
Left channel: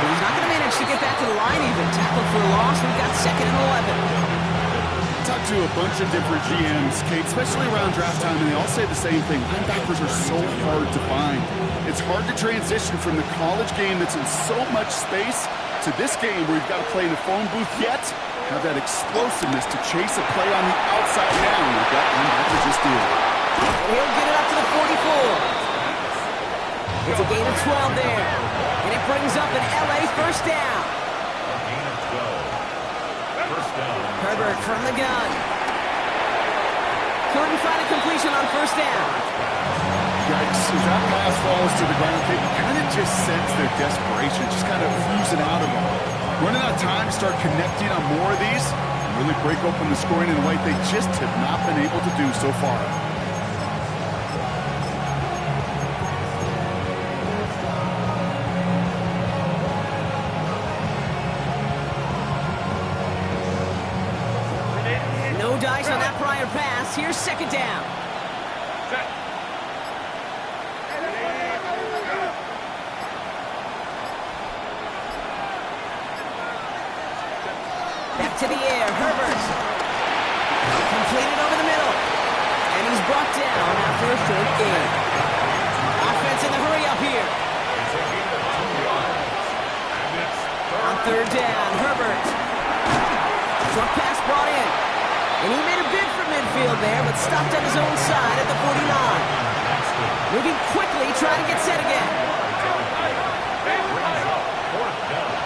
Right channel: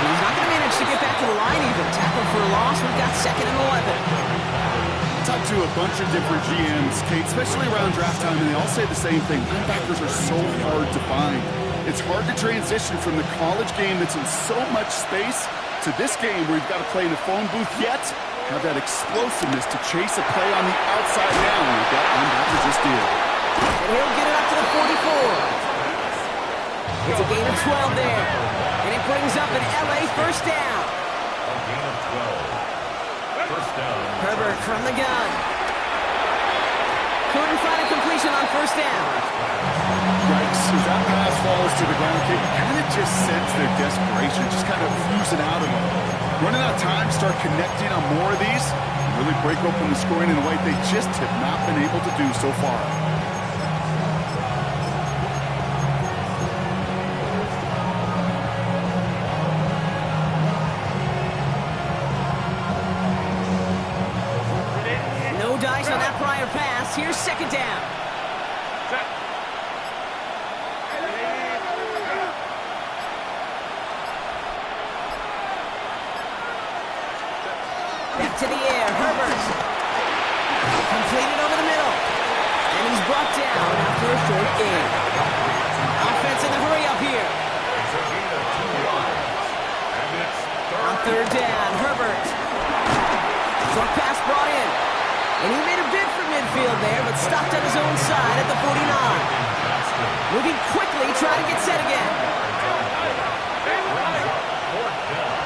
He's not going to manage to get back to the line even. Tackled for a loss. We've got second and 11. I talked to a bunch of different GMs, Kate, especially around draft time, and they all say the same thing. Linebackers are so hard to find. It's hard to transition from the college game that's in so much space to this game where you've got to play in a phone booth yet have that explosiveness to chase a play on the outside down like that linebacker just did. And he'll get it up to the 44. It's a gain of 12 there. And it brings up an LA first down. A gain of 12. First down. Herbert from the gun. Couldn't find a completion on first down. Yikes, as that pass falls to the ground, Kate, you kind of just sense their desperation, just kind of oozing out of them. Running out of time to start connecting on more of these and really break open the scoring in a way they just have not been able to do so far. No dice on that prior pass. Here's second down. Back to the air, Herbert. Completed over the middle. And he's brought down after a short gain. Offense in the hurry up here. It's a gain of 2 yards. And it's On third down, Herbert. Short pass brought in. And he made a bid for midfield there, but stopped on his own side at the 49. Moving quickly, trying to get set again. fourth down.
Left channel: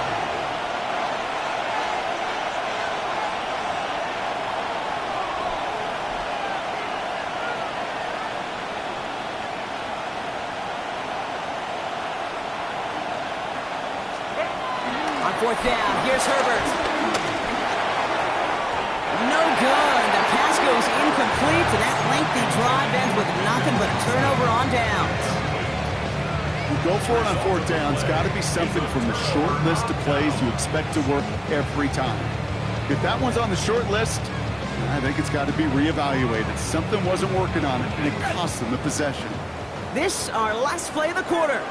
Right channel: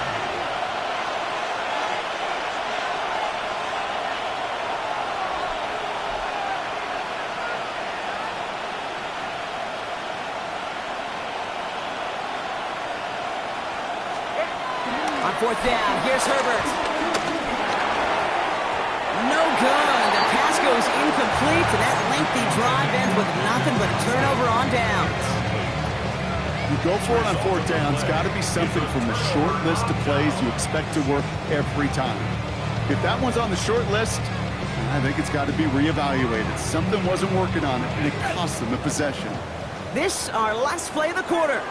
On fourth down, here's Herbert. No good. The pass goes incomplete, and that lengthy drive ends with nothing but a turnover on downs. You go for it on fourth down. It's got to be something from the short list of plays you expect to work every time. If that one's on the short list, I think it's got to be reevaluated. Something wasn't working on it, and it cost them the possession. This, our last play of the quarter.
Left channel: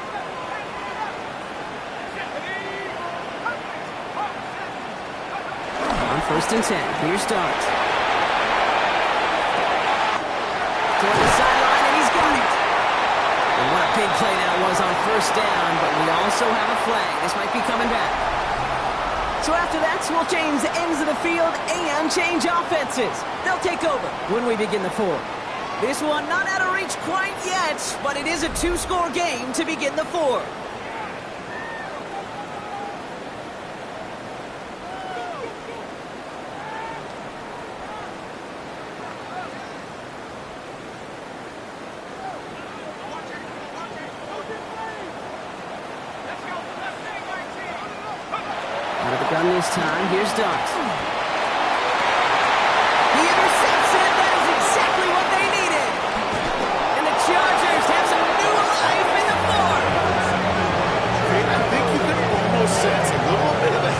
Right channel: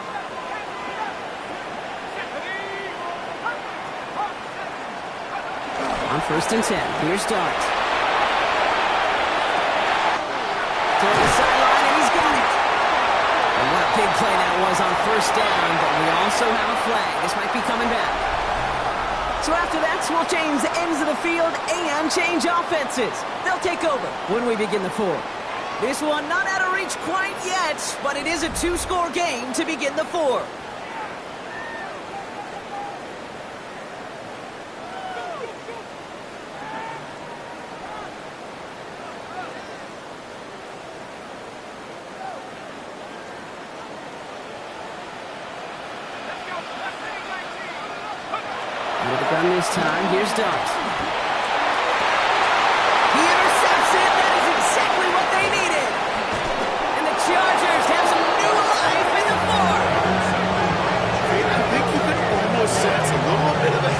On first and 10, here's Dart. Toward the sideline, and he's got it. And what a big play that was on first down, but we also have a flag. This might be coming back. So after that, we'll change the ends of the field and change offenses. They'll take over when we begin the fourth. This one not out of reach quite yet, but it is a two-score game to begin the fourth. With the gun this time, here's Dart. He intercepts it. That is exactly what they needed. And the Chargers have some new life in the fourth.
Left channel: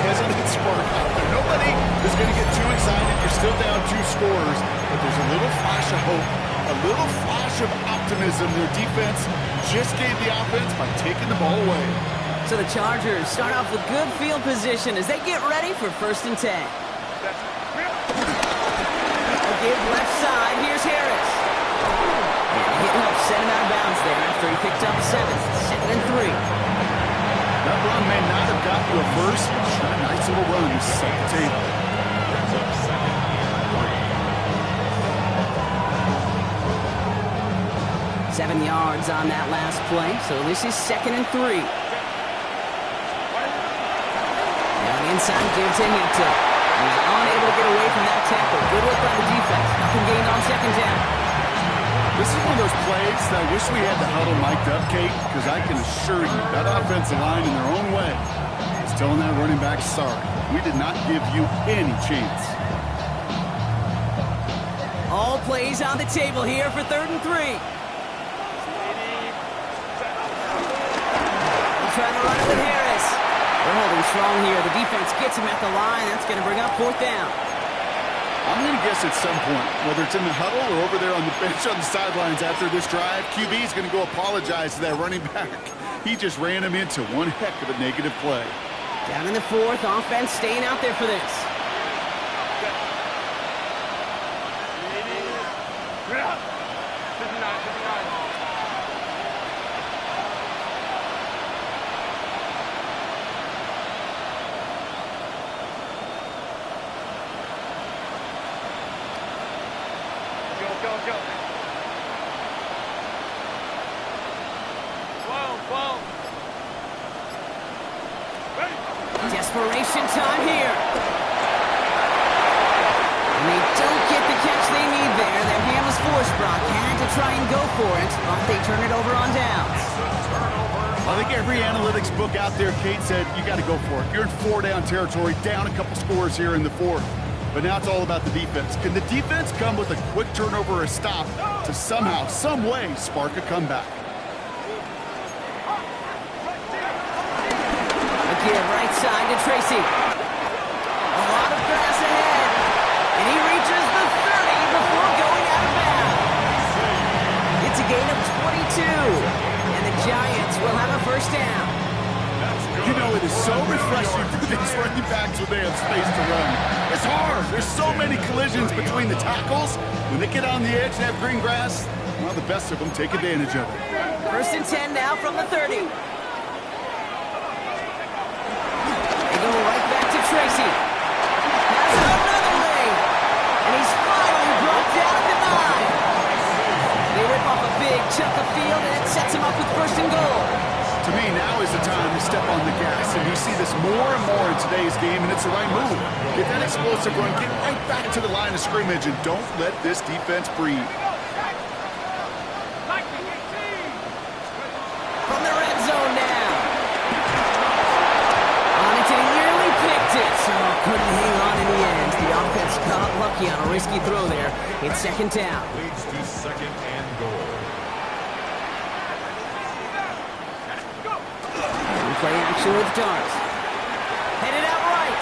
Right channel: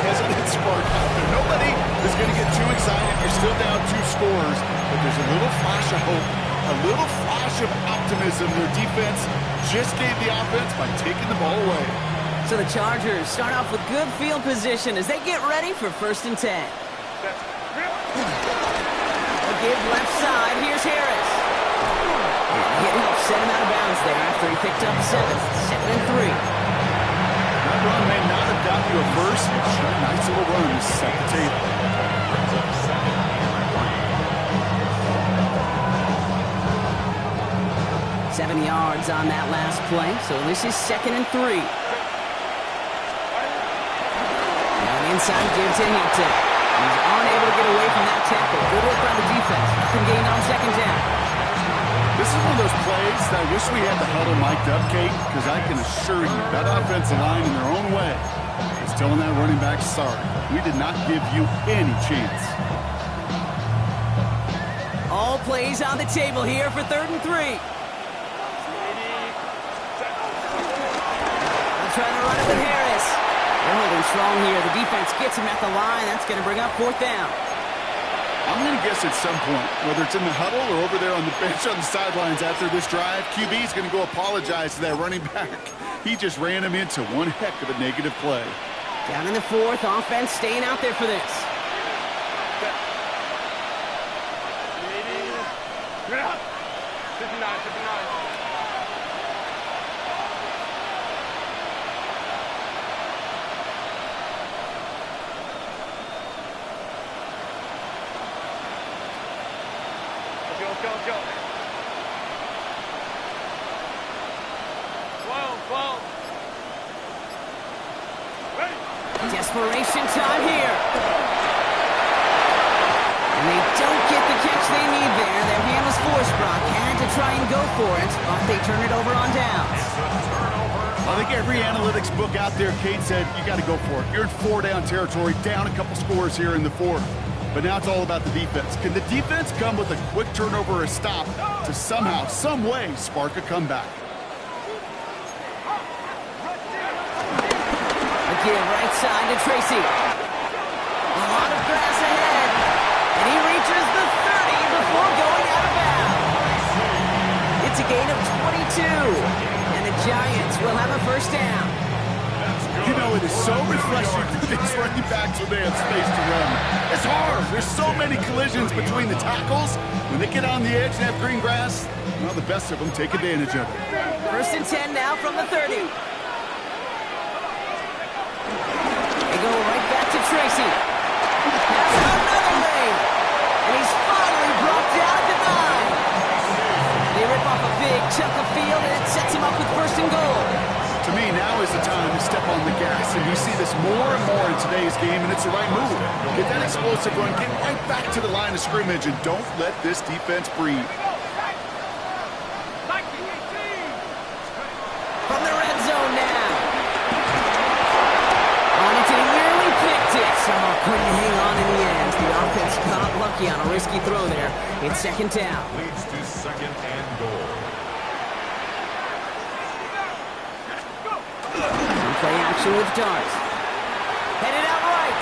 hesitant spark out there. Nobody is going to get too excited. You're still down 2 scores, but there's a little flash of hope, a little flash of optimism. Their defense just gave the offense by taking the ball away. So the Chargers start off with good field position as they get ready for 1st and 10. A give left side. Here's Harris. And the hit helps send him out of bounds there after he picked up 7. 2nd and 3. That run may not have got you a first, but sure, nice little run to set the table. Brings up 2nd and 3. 7 yards on that last play, so this is 2nd and 3. Now an inside give to Hampton. He's unable to get away from that tackle. Good work by the defense. Nothing gained on 2nd down. This is one of those plays that I wish we had the huddle mic'd up, Kate, because I can assure you that offensive line in their own way is telling that running back, sorry, we did not give you any chance. All plays on the table here for 3rd and 3. They'll try to run it with Harris. They're holding strong here. The defense gets him at the line. That's going to bring up 4th down. I'm going to guess at some point, whether it's in the huddle or over there on the bench on the sidelines after this drive, QB is going to go apologize to that running back. He just ran him into one heck of a negative play. Down in the 4th, offense staying out there for this. 59. Go. 12. Ready. Desperation time here. And they don't get the catch they need there. Their hand was forced. Brock had to try and go for it, but they turn it over on downs. I think every analytics book out there, Kate, said you got to go for it. You're in 4-down territory, down a couple scores here in the 4th. But now it's all about the defense. Can the defense come with a quick turnover or a stop to somehow, some way, spark a comeback? Again, right side to Tracy. A lot of grass ahead. And he reaches the 30 before going out of bounds. It's a gain of 22. And the Giants will have a 1st down. You know, it is so refreshing for these running backs when they have space to run. It's hard. There's so many collisions between the tackles. When they get on the edge and have green grass, well, the best of them take advantage of it. 1st and 10 now from the 30. They go right back to Tracy. Has another lane. And he's finally brought down at the 9. They rip off a big chunk of field, and it sets him up with 1st and goal. To me, now is the time to step on the gas, and you see this more and more in today's game, and it's the right move. Get that explosive run, get right back to the line of scrimmage, and don't let this defense breathe. From the red zone now. On it, and he nearly picked it. So couldn't hang on in the end. The offense got lucky on a risky throw there. It's 2nd down. Leads to 2nd and goal. Play action with Dart. Headed out right.